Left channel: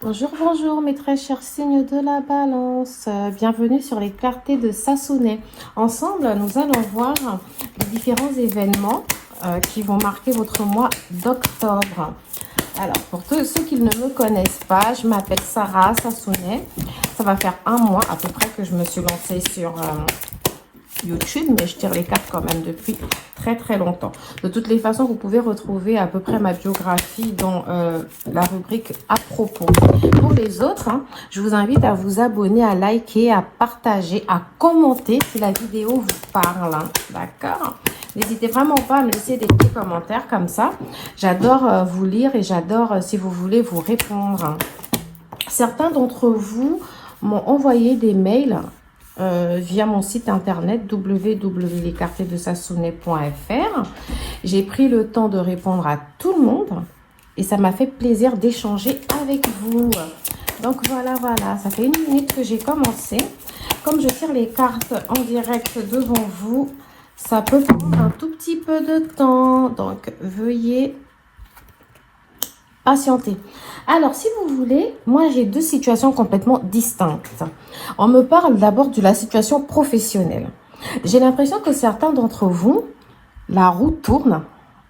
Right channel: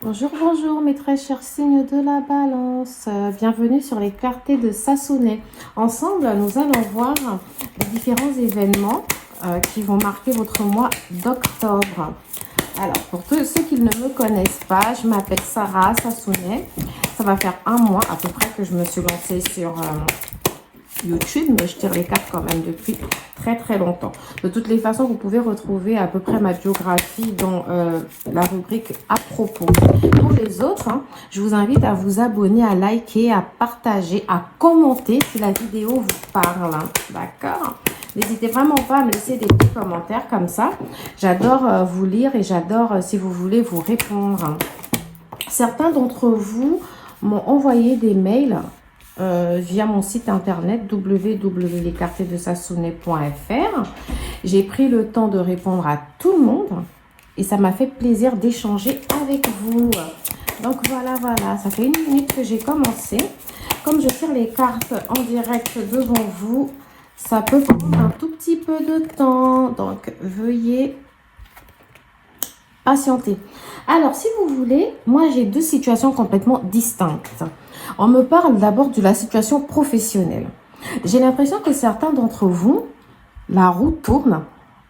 Bonjour, bonjour mes très chers signes de la balance. Bienvenue sur les clartés de Sassonet. Ensemble, nous allons voir les différents événements qui vont marquer votre mois d'octobre. Alors, pour tous ceux qui ne me connaissent pas, je m'appelle Sarah Sassonet. Ça va faire un mois à peu près que je me suis lancée sur YouTube, mais je tire les cartes quand même depuis très longtemps. De toutes les façons, vous pouvez retrouver à peu près ma biographie dans la rubrique à propos. Pour les autres, je vous invite à vous abonner, à liker, à partager, à commenter si la vidéo vous parle. D'accord? N'hésitez vraiment pas à me laisser des petits commentaires comme ça. J'adore vous lire et j'adore, si vous voulez, vous répondre. Certains d'entre vous m'ont envoyé des mails via mon site internet www.lescartesdesassonet.fr. J'ai pris le temps de répondre à tout le monde et ça m'a fait plaisir d'échanger avec vous. Donc voilà, ça fait 1 minute que j'ai commencé. Comme je tire les cartes en direct devant vous, ça peut prendre un tout petit peu de temps. Donc veuillez patienter. Alors, si vous voulez, moi j'ai 2 situations complètement distinctes. On me parle d'abord de la situation professionnelle. J'ai l'impression que certains d'entre vous, la roue tourne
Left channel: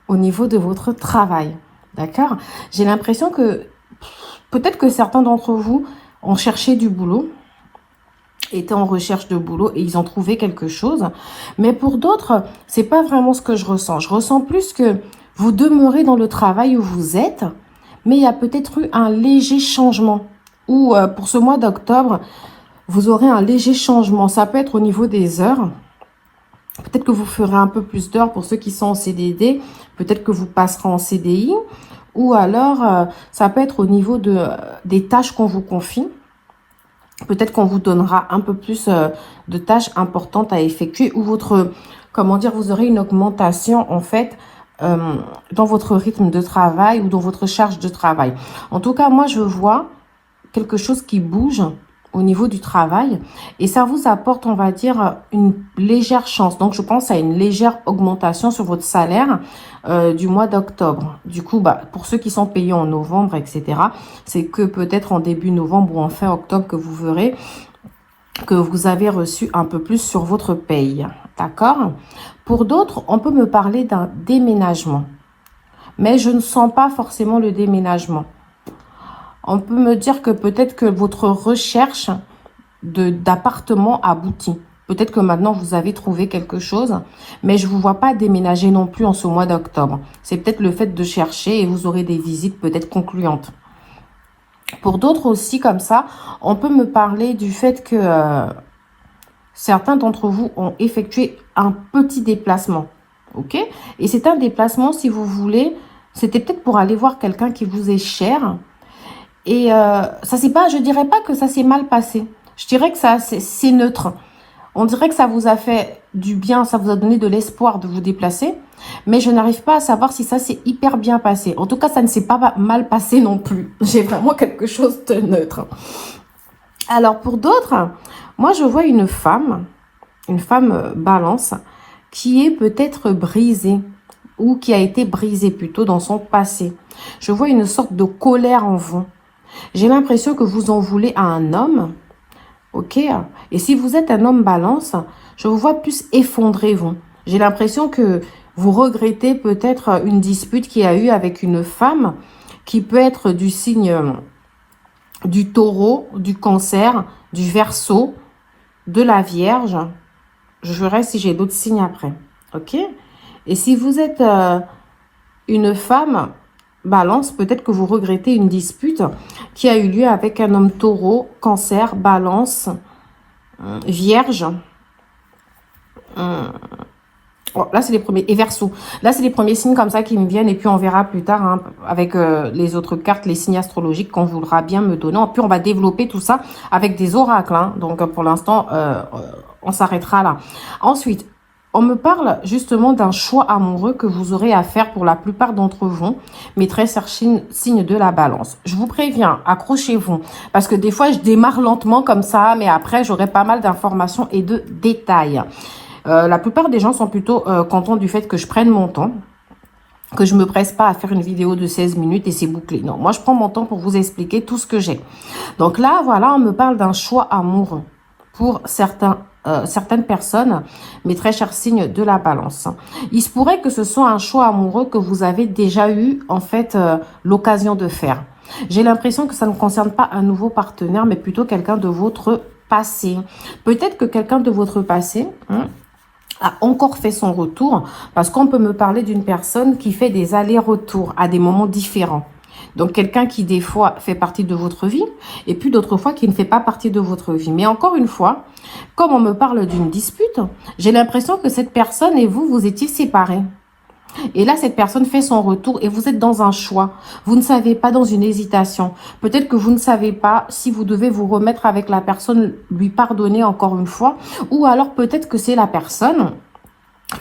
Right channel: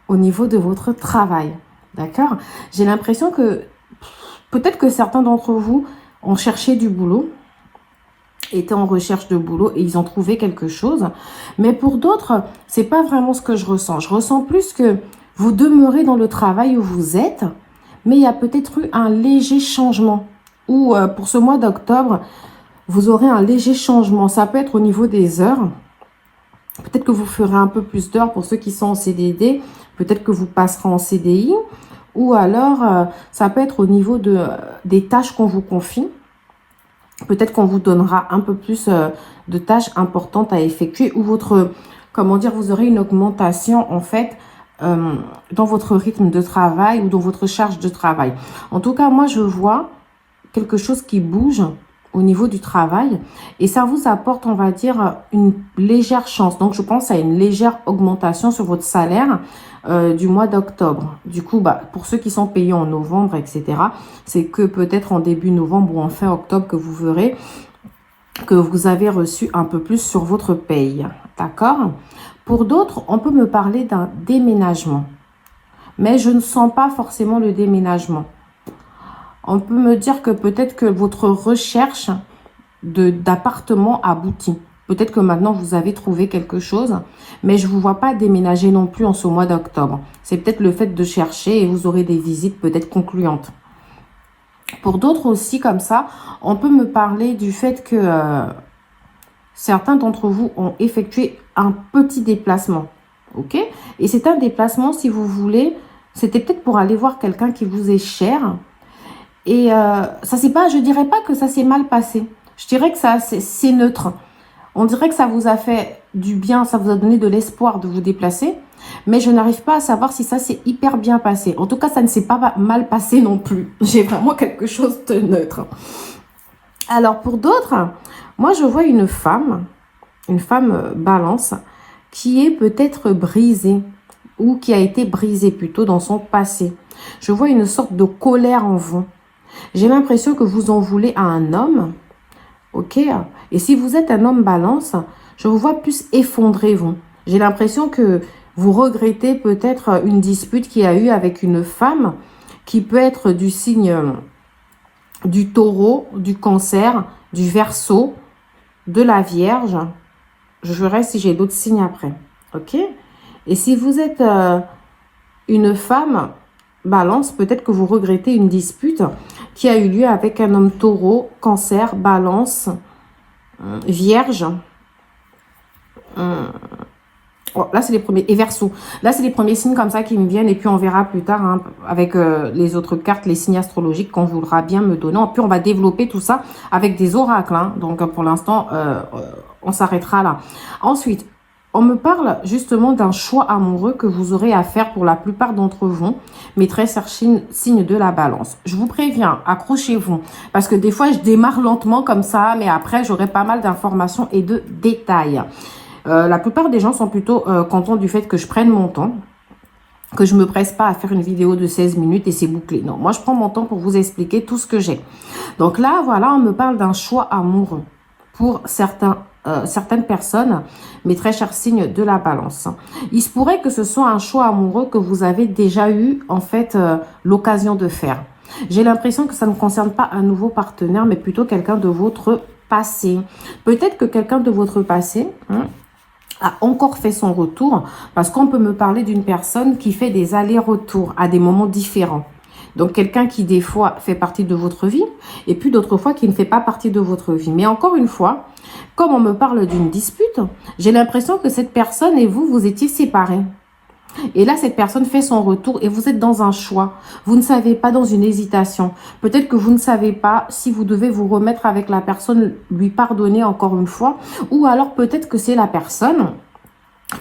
au niveau de votre travail. D'accord? J'ai l'impression que peut-être que certains d'entre vous ont cherché du boulot, étaient en recherche de boulot et ils ont trouvé quelque chose. Mais pour d'autres, c'est pas vraiment ce que je ressens. Je ressens plus que vous demeurez dans le travail où vous êtes, mais il y a peut-être eu un léger changement. Ou pour ce mois d'octobre, vous aurez un léger changement. Ça peut être au niveau des heures. Peut-être que vous ferez un peu plus d'heures pour ceux qui sont en CDD. Peut-être que vous passerez en CDI. Ou alors, ça peut être au niveau des tâches qu'on vous confie. Peut-être qu'on vous donnera un peu plus de tâches importantes à effectuer. Ou vous aurez une augmentation en fait dans votre rythme de travail ou dans votre charge de travail. En tout cas, moi, je vois quelque chose qui bouge au niveau du travail et ça vous apporte, on va dire, une légère chance. Donc, je pense à une légère augmentation sur votre salaire du mois d'octobre. Du coup, pour ceux qui sont payés en novembre, etc., c'est que peut-être en début novembre ou en fin octobre que vous verrez que vous avez reçu un peu plus sur votre paye. D'accord? Pour d'autres, on peut me parler d'un déménagement. Mais je ne sens pas forcément le déménagement. On peut me dire que peut-être que votre recherche d'appartement aboutit. Peut-être que maintenant, vous avez trouvé quelque chose, mais je ne vous vois pas déménager non plus en ce mois d'octobre. C'est peut-être le fait de chercher et vous aurez des visites peut-être concluantes. Pour d'autres aussi, comme ça, on peut me parler du fait que certains d'entre vous ont effectué un petit déplacement. Ok? Et c'est un déplacement, si vous voulez, c'était peut-être pour aller voir quelqu'un qui vous est cher. Et ça c'est pas, je dirais pas que ça s'est mal passé. Je dirais que ça c'est neutre. On dirait que ça vous a fait du bien, ça vous a donné de l'espoir de vous déplacer. Mais je n'arrive pas à savoir si ça s'est hyper bien passé. En tout cas, ça ne s'est pas mal passé non plus. J'ai vraiment quelque chose de neutre. Alors pour d'autres, moi je vois une femme balance, qui est peut-être brisée ou qui a été brisée plutôt dans son passé. Je vois une sorte de colère en vous. J'ai l'impression que vous en voulez à un homme, ok? Et si vous êtes un homme balance, je vous vois plus effondré, vous. J'ai l'impression que vous regrettez peut-être une dispute qu'il y a eu avec une femme qui peut être du signe du taureau, du cancer, du verseau, de la vierge. Je verrai si j'ai d'autres signes après, ok? Et si vous êtes une femme balance, peut-être que vous regrettez une dispute qui a eu lieu avec un homme taureau, cancer, balance, vierge. Oh, là, c'est les premiers. Et verseau. Là, c'est les premiers signes comme ça qui me viennent. Et puis, on verra plus tard avec les autres cartes, les signes astrologiques qu'on voudra bien me donner. Puis, on va développer tout ça avec des oracles. Donc, pour l'instant, on s'arrêtera là. Ensuite, on me parle justement d'un choix amoureux que vous aurez à faire pour la plupart d'entre vous, mes très chers signes de la balance. Je vous préviens, accrochez-vous, parce que des fois, je démarre lentement comme ça, mais après, j'aurai pas mal d'informations et de détails. La plupart des gens sont plutôt contents du fait que je prenne mon temps. que je me presse pas à faire une vidéo de 16 minutes et c'est bouclé. Non, moi, je prends mon temps pour vous expliquer tout ce que j'ai. Donc là, voilà, on me parle d'un choix amoureux pour certaines personnes, mes très chers signes de la balance. Il se pourrait que ce soit un choix amoureux que vous avez déjà eu, en fait, l'occasion de faire. J'ai l'impression que ça ne concerne pas un nouveau partenaire, mais plutôt quelqu'un de votre passé. Peut-être que quelqu'un de votre passé a encore fait son retour, parce qu'on peut me parler d'une personne qui fait des allers-retours à des moments différents. Donc, quelqu'un qui, des fois, fait partie de votre vie, et puis d'autres fois, qui ne fait pas partie de votre vie. Mais encore une fois, comme on me parle d'une dispute, j'ai l'impression que cette personne et vous, vous étiez séparés. Et là, cette personne fait son retour et vous êtes dans un choix. Vous ne savez pas, dans une hésitation. Peut-être que vous ne savez pas si vous devez vous remettre avec la personne, lui pardonner encore une fois. Ou alors peut-être que c'est la personne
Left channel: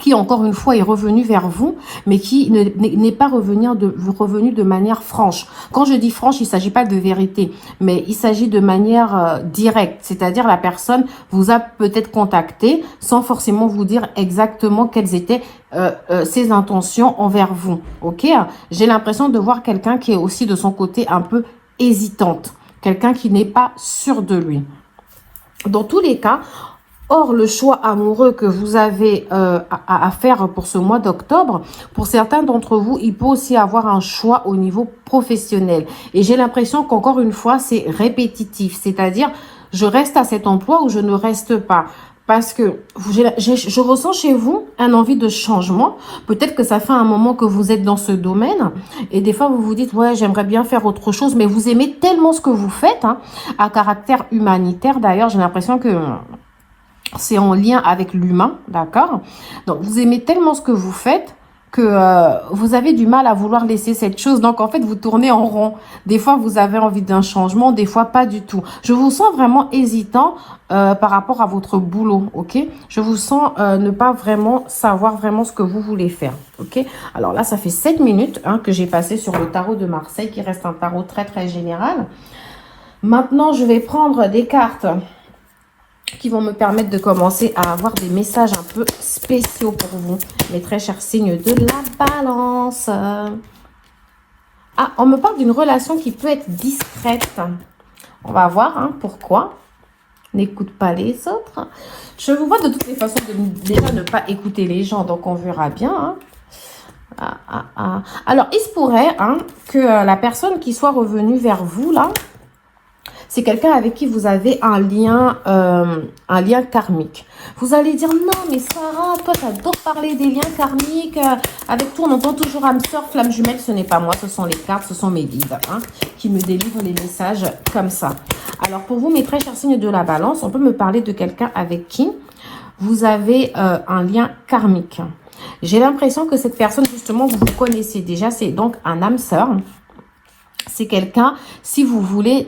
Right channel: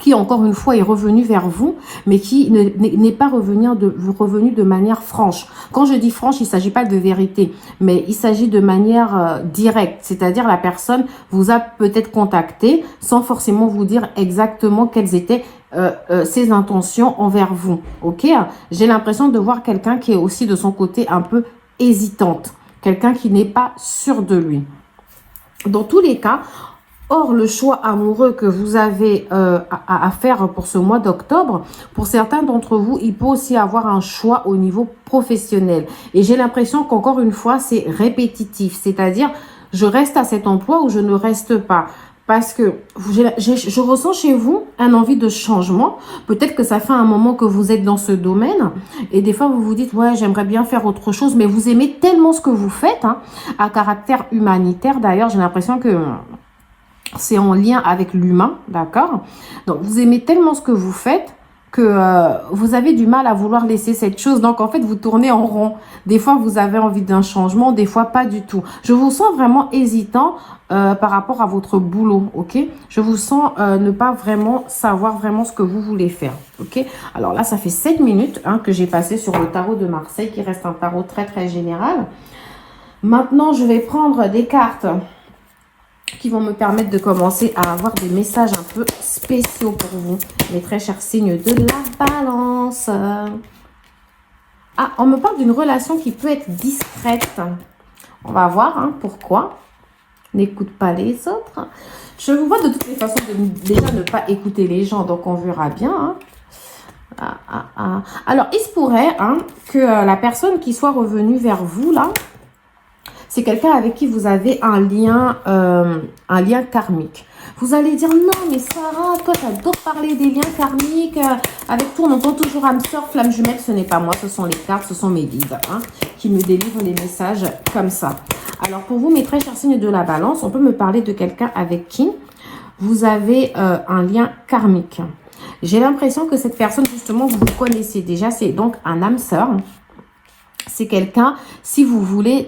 qui, encore une fois, est revenue vers vous, mais qui n'est pas revenu de manière franche. Quand je dis franche, il ne s'agit pas de vérité, mais il s'agit de manière directe. C'est-à-dire, la personne vous a peut-être contacté sans forcément vous dire exactement quelles étaient ses intentions envers vous. Ok? J'ai l'impression de voir quelqu'un qui est aussi de son côté un peu hésitante. Quelqu'un qui n'est pas sûr de lui. Dans tous les cas, or, le choix amoureux que vous avez à faire pour ce mois d'octobre, pour certains d'entre vous, il peut aussi avoir un choix au niveau professionnel. Et j'ai l'impression qu'encore une fois, c'est répétitif. C'est-à-dire, je reste à cet emploi ou je ne reste pas. Parce que je ressens chez vous un envie de changement. Peut-être que ça fait un moment que vous êtes dans ce domaine. Et des fois, vous vous dites, ouais, j'aimerais bien faire autre chose. Mais vous aimez tellement ce que vous faites, hein, à caractère humanitaire. D'ailleurs, j'ai l'impression que c'est en lien avec l'humain, d'accord? Donc, vous aimez tellement ce que vous faites que vous avez du mal à vouloir laisser cette chose. Donc, en fait, vous tournez en rond. Des fois, vous avez envie d'un changement, des fois, pas du tout. Je vous sens vraiment hésitant par rapport à votre boulot, ok? Je vous sens ne pas vraiment savoir vraiment ce que vous voulez faire, ok? Alors là, ça fait 7 minutes que j'ai passé sur le tarot de Marseille, qui reste un tarot très, très général. Maintenant, je vais prendre des cartes qui vont me permettre de commencer à avoir des messages un peu spéciaux pour vous, mes très chers signes de la balance. Ah, on me parle d'une relation qui peut être discrète. On va voir pourquoi. N'écoute pas les autres. Je vous vois de toutes les façons déjà ne pas écouter les gens, donc on verra bien. Alors, il se pourrait que la personne qui soit revenue vers vous, là, c'est quelqu'un avec qui vous avez un lien karmique. Vous allez dire, non, mais Sarah, toi, t'adores parler des liens karmiques. Avec toi, on entend toujours âme sœur, flamme jumelle. Ce n'est pas moi, ce sont les cartes, ce sont mes guides qui me délivrent les messages comme ça. Alors, pour vous, mes très chers signes de la balance, on peut me parler de quelqu'un avec qui vous avez un lien karmique. J'ai l'impression que cette personne, justement, vous connaissez déjà. C'est donc un âme sœur. C'est quelqu'un, si vous voulez,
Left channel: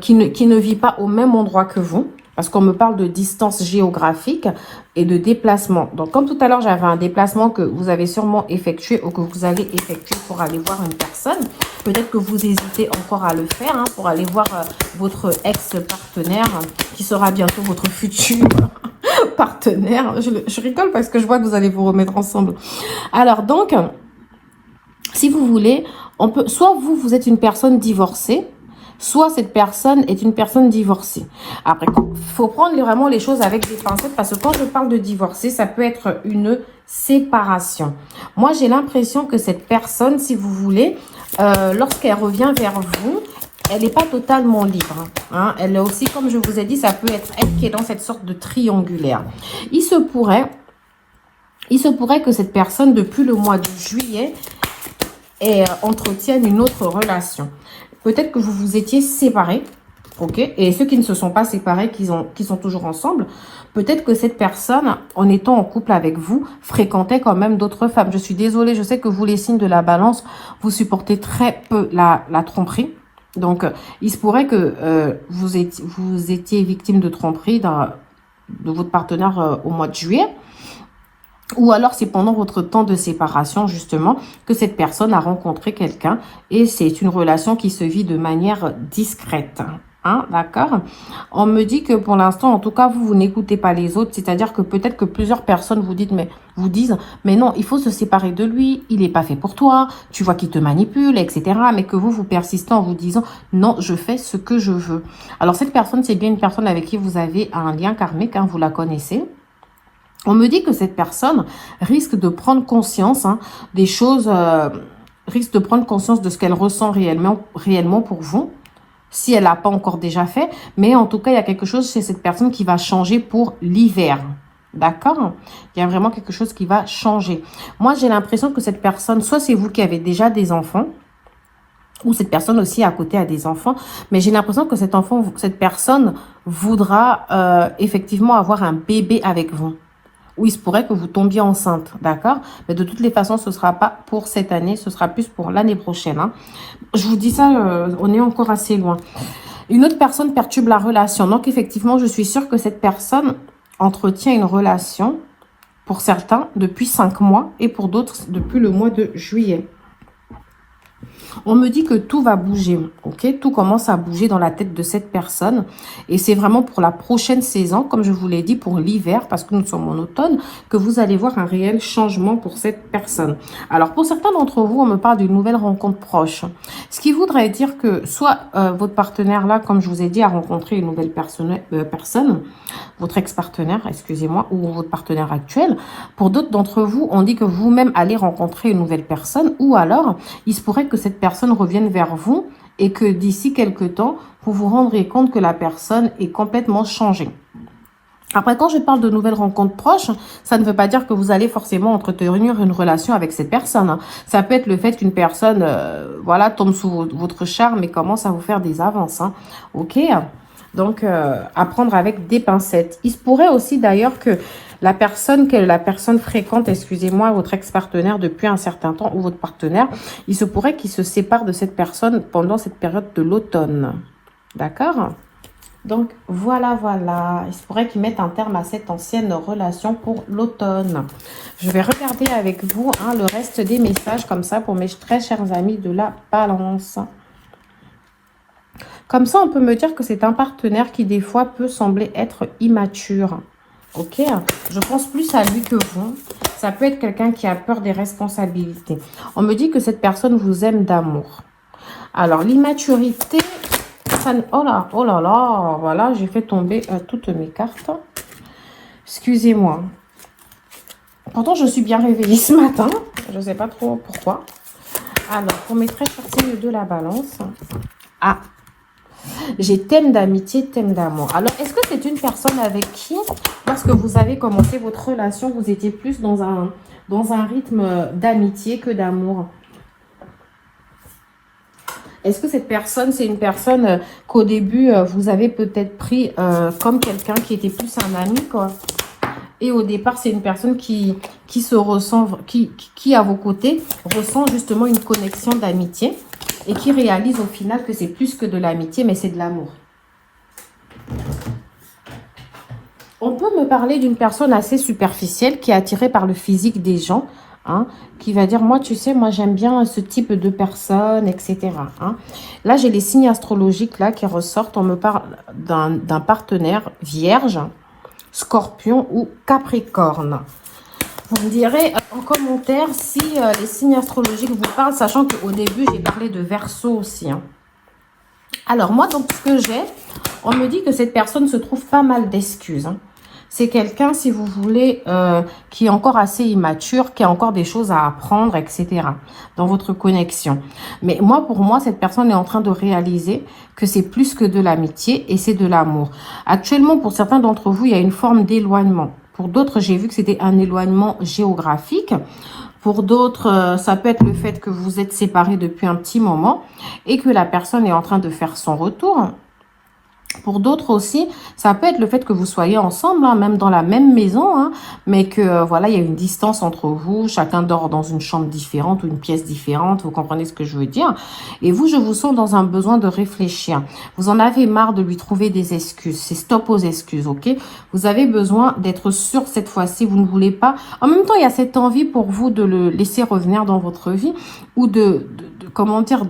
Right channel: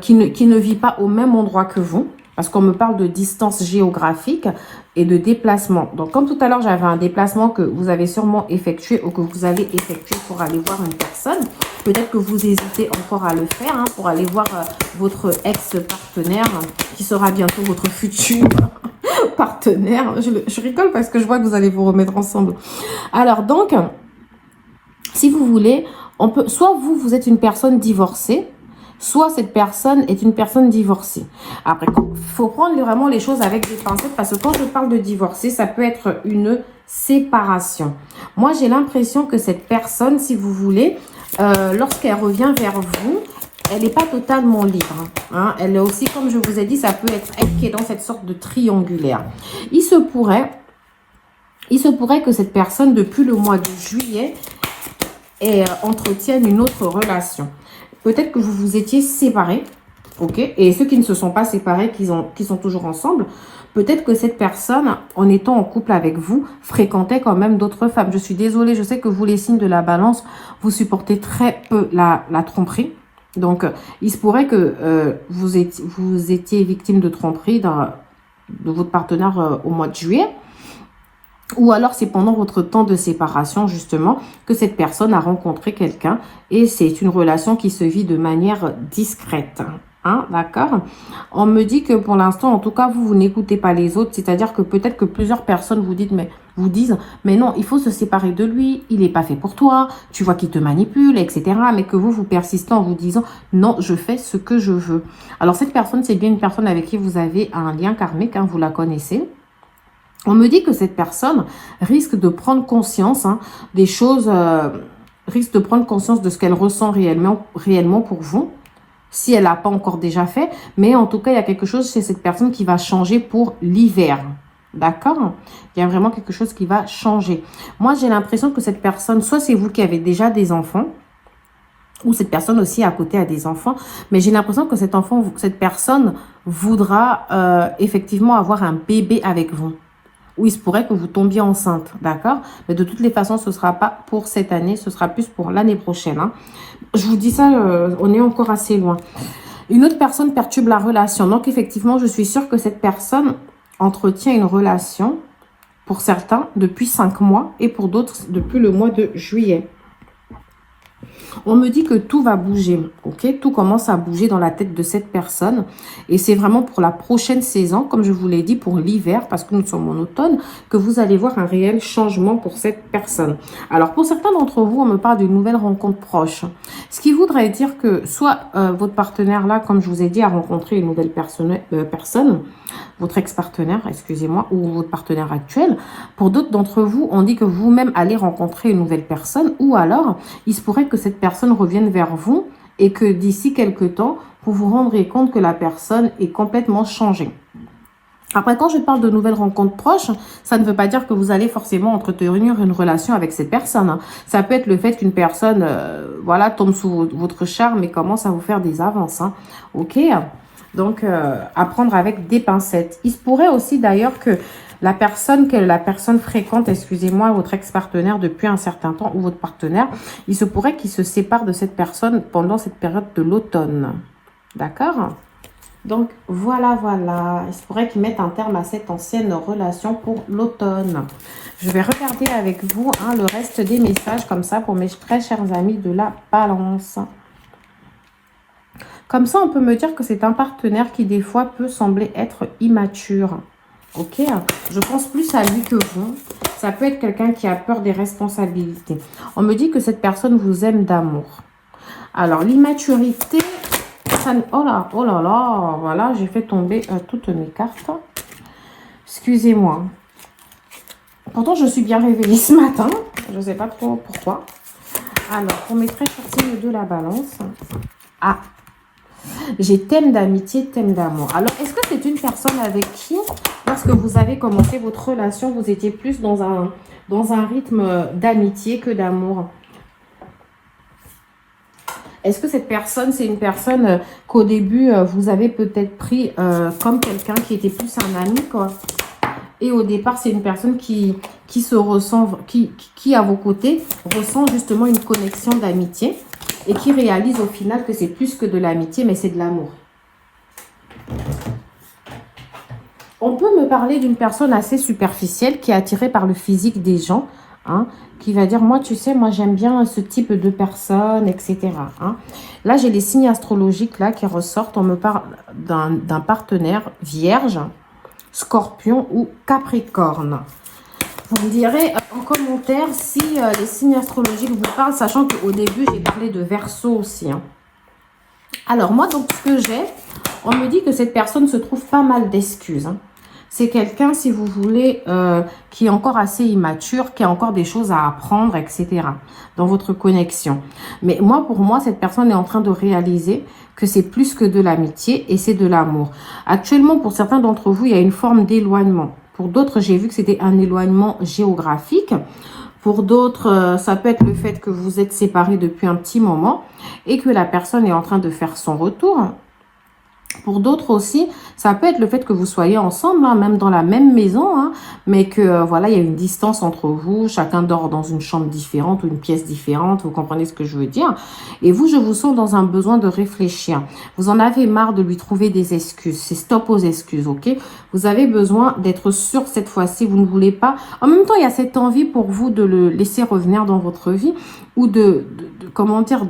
qui ne vit pas au même endroit que vous. Parce qu'on me parle de distance géographique et de déplacement. Donc, comme tout à l'heure, j'avais un déplacement que vous avez sûrement effectué ou que vous allez effectuer pour aller voir une personne. Peut-être que vous hésitez encore à le faire pour aller voir votre ex-partenaire qui sera bientôt votre futur partenaire. Je rigole parce que je vois que vous allez vous remettre ensemble. Alors, donc, si vous voulez, on peut, soit vous êtes une personne divorcée, soit cette personne est une personne divorcée. Après, il faut prendre vraiment les choses avec des pincettes parce que quand je parle de divorcer, ça peut être une séparation. Moi, j'ai l'impression que cette personne, si vous voulez, lorsqu'elle revient vers vous, elle n'est pas totalement libre. Elle est aussi, comme je vous ai dit, ça peut être elle qui est dans cette sorte de triangulaire. Il se pourrait que cette personne, depuis le mois de juillet, entretienne une autre relation. Peut-être que vous vous étiez séparés, ok? Et ceux qui ne se sont pas séparés, qui sont toujours ensemble, peut-être que cette personne, en étant en couple avec vous, fréquentait quand même d'autres femmes. Je suis désolée, je sais que vous, les signes de la balance, vous supportez très peu la tromperie. Donc, il se pourrait que vous étiez victime de tromperie de votre partenaire au mois de juillet. Ou alors, c'est pendant votre temps de séparation, justement, que cette personne a rencontré quelqu'un. Et c'est une relation qui se vit de manière discrète. Hein, d'accord. On me dit que pour l'instant, en tout cas, vous n'écoutez pas les autres. C'est-à-dire que peut-être que plusieurs personnes vous disent, mais non, il faut se séparer de lui. Il n'est pas fait pour toi. Tu vois qu'il te manipule, etc. Mais que vous persistez en vous disant, non, je fais ce que je veux. Alors, cette personne, c'est bien une personne avec qui vous avez un lien karmique, hein, vous la connaissez. On me dit que cette personne risque de prendre conscience des choses, risque de prendre conscience de ce qu'elle ressent réellement pour vous, si elle n'a pas encore déjà fait. Mais en tout cas, il y a quelque chose chez cette personne qui va changer pour l'hiver. D'accord? Il y a vraiment quelque chose qui va changer. Moi, j'ai l'impression que cette personne, soit c'est vous qui avez déjà des enfants, ou cette personne aussi à côté a des enfants, mais j'ai l'impression que cette personne voudra effectivement avoir un bébé avec vous. Ou il se pourrait que vous tombiez enceinte, d'accord? Mais de toutes les façons, ce ne sera pas pour cette année, ce sera plus pour l'année prochaine. Hein. Je vous dis ça, on est encore assez loin. Une autre personne perturbe la relation. Donc, effectivement, je suis sûre que cette personne entretient une relation, pour certains, depuis 5 mois et pour d'autres, depuis le mois de juillet. On me dit que tout va bouger, ok? Tout commence à bouger dans la tête de cette personne. Et c'est vraiment pour la prochaine saison, comme je vous l'ai dit, pour l'hiver, parce que nous sommes en automne, que vous allez voir un réel changement pour cette personne. Alors, pour certains d'entre vous, on me parle d'une nouvelle rencontre proche. Ce qui voudrait dire que soit votre partenaire, là, comme je vous ai dit, a rencontré une nouvelle personne, votre ex-partenaire, excusez-moi, ou votre partenaire actuel. Pour d'autres d'entre vous, on dit que vous-même allez rencontrer une nouvelle personne, ou alors, il se pourrait que cette personne revienne vers vous et que d'ici quelques temps, vous vous rendrez compte que la personne est complètement changée. Après, quand je parle de nouvelles rencontres proches, ça ne veut pas dire que vous allez forcément entretenir une relation avec cette personne. Ça peut être le fait qu'une personne, voilà, tombe sous votre charme et commence à vous faire des avances. Hein. Ok? Donc, à prendre avec des pincettes. Il se pourrait aussi d'ailleurs que la personne fréquente, excusez-moi, votre ex-partenaire depuis un certain temps ou votre partenaire, il se pourrait qu'il se sépare de cette personne pendant cette période de l'automne. D'accord? Donc, voilà. Il se pourrait qu'ils mettent un terme à cette ancienne relation pour l'automne. Je vais regarder avec vous le reste des messages comme ça pour mes très chers amis de la balance. Comme ça, on peut me dire que c'est un partenaire qui, des fois, peut sembler être immature. Ok, je pense plus à lui que vous. Ça peut être quelqu'un qui a peur des responsabilités. On me dit que cette personne vous aime d'amour. Alors, l'immaturité, ça... oh là là, voilà, j'ai fait tomber toutes mes cartes. Excusez-moi. Pourtant, je suis bien réveillée ce matin. Je ne sais pas trop pourquoi. Alors, pour mes très chers signes de la balance. Ah, j'ai thème d'amitié, thème d'amour. Alors, est-ce que c'est une personne avec qui, lorsque vous avez commencé votre relation, vous étiez plus dans un rythme d'amitié que d'amour? Est-ce que cette personne, c'est une personne qu'au début, vous avez peut-être pris comme quelqu'un qui était plus un ami, quoi? Et au départ, c'est une personne qui se ressent, qui à vos côtés, ressent justement une connexion d'amitié. Et qui réalise au final que c'est plus que de l'amitié, mais c'est de l'amour. On peut me parler d'une personne assez superficielle qui est attirée par le physique des gens, hein, qui va dire, moi, tu sais, moi, j'aime bien ce type de personne, etc. Hein. Là, j'ai les signes astrologiques là qui ressortent. On me parle d'un partenaire vierge, scorpion ou capricorne. Vous me direz en commentaire si les signes astrologiques vous parlent, sachant qu'au début, j'ai parlé de Verseau aussi. Hein. Alors, moi, donc, ce que j'ai, on me dit que cette personne se trouve pas mal d'excuses. Hein. C'est quelqu'un, si vous voulez, qui est encore assez immature, qui a encore des choses à apprendre, etc. dans votre connexion. Mais moi, pour moi, cette personne est en train de réaliser que c'est plus que de l'amitié et c'est de l'amour. Actuellement, pour certains d'entre vous, il y a une forme d'éloignement. Pour d'autres, j'ai vu que c'était un éloignement géographique. Pour d'autres, ça peut être le fait que vous êtes séparés depuis un petit moment et que la personne est en train de faire son retour. Pour d'autres aussi, ça peut être le fait que vous soyez ensemble, hein, même dans la même maison, hein, mais que voilà, il y a une distance entre vous, chacun dort dans une chambre différente ou une pièce différente, vous comprenez ce que je veux dire. Et vous, je vous sens dans un besoin de réfléchir. Vous en avez marre de lui trouver des excuses, c'est stop aux excuses, ok? Vous avez besoin d'être sûr cette fois-ci, vous ne voulez pas. En même temps, il y a cette envie pour vous de le laisser revenir dans votre vie ou comment dire,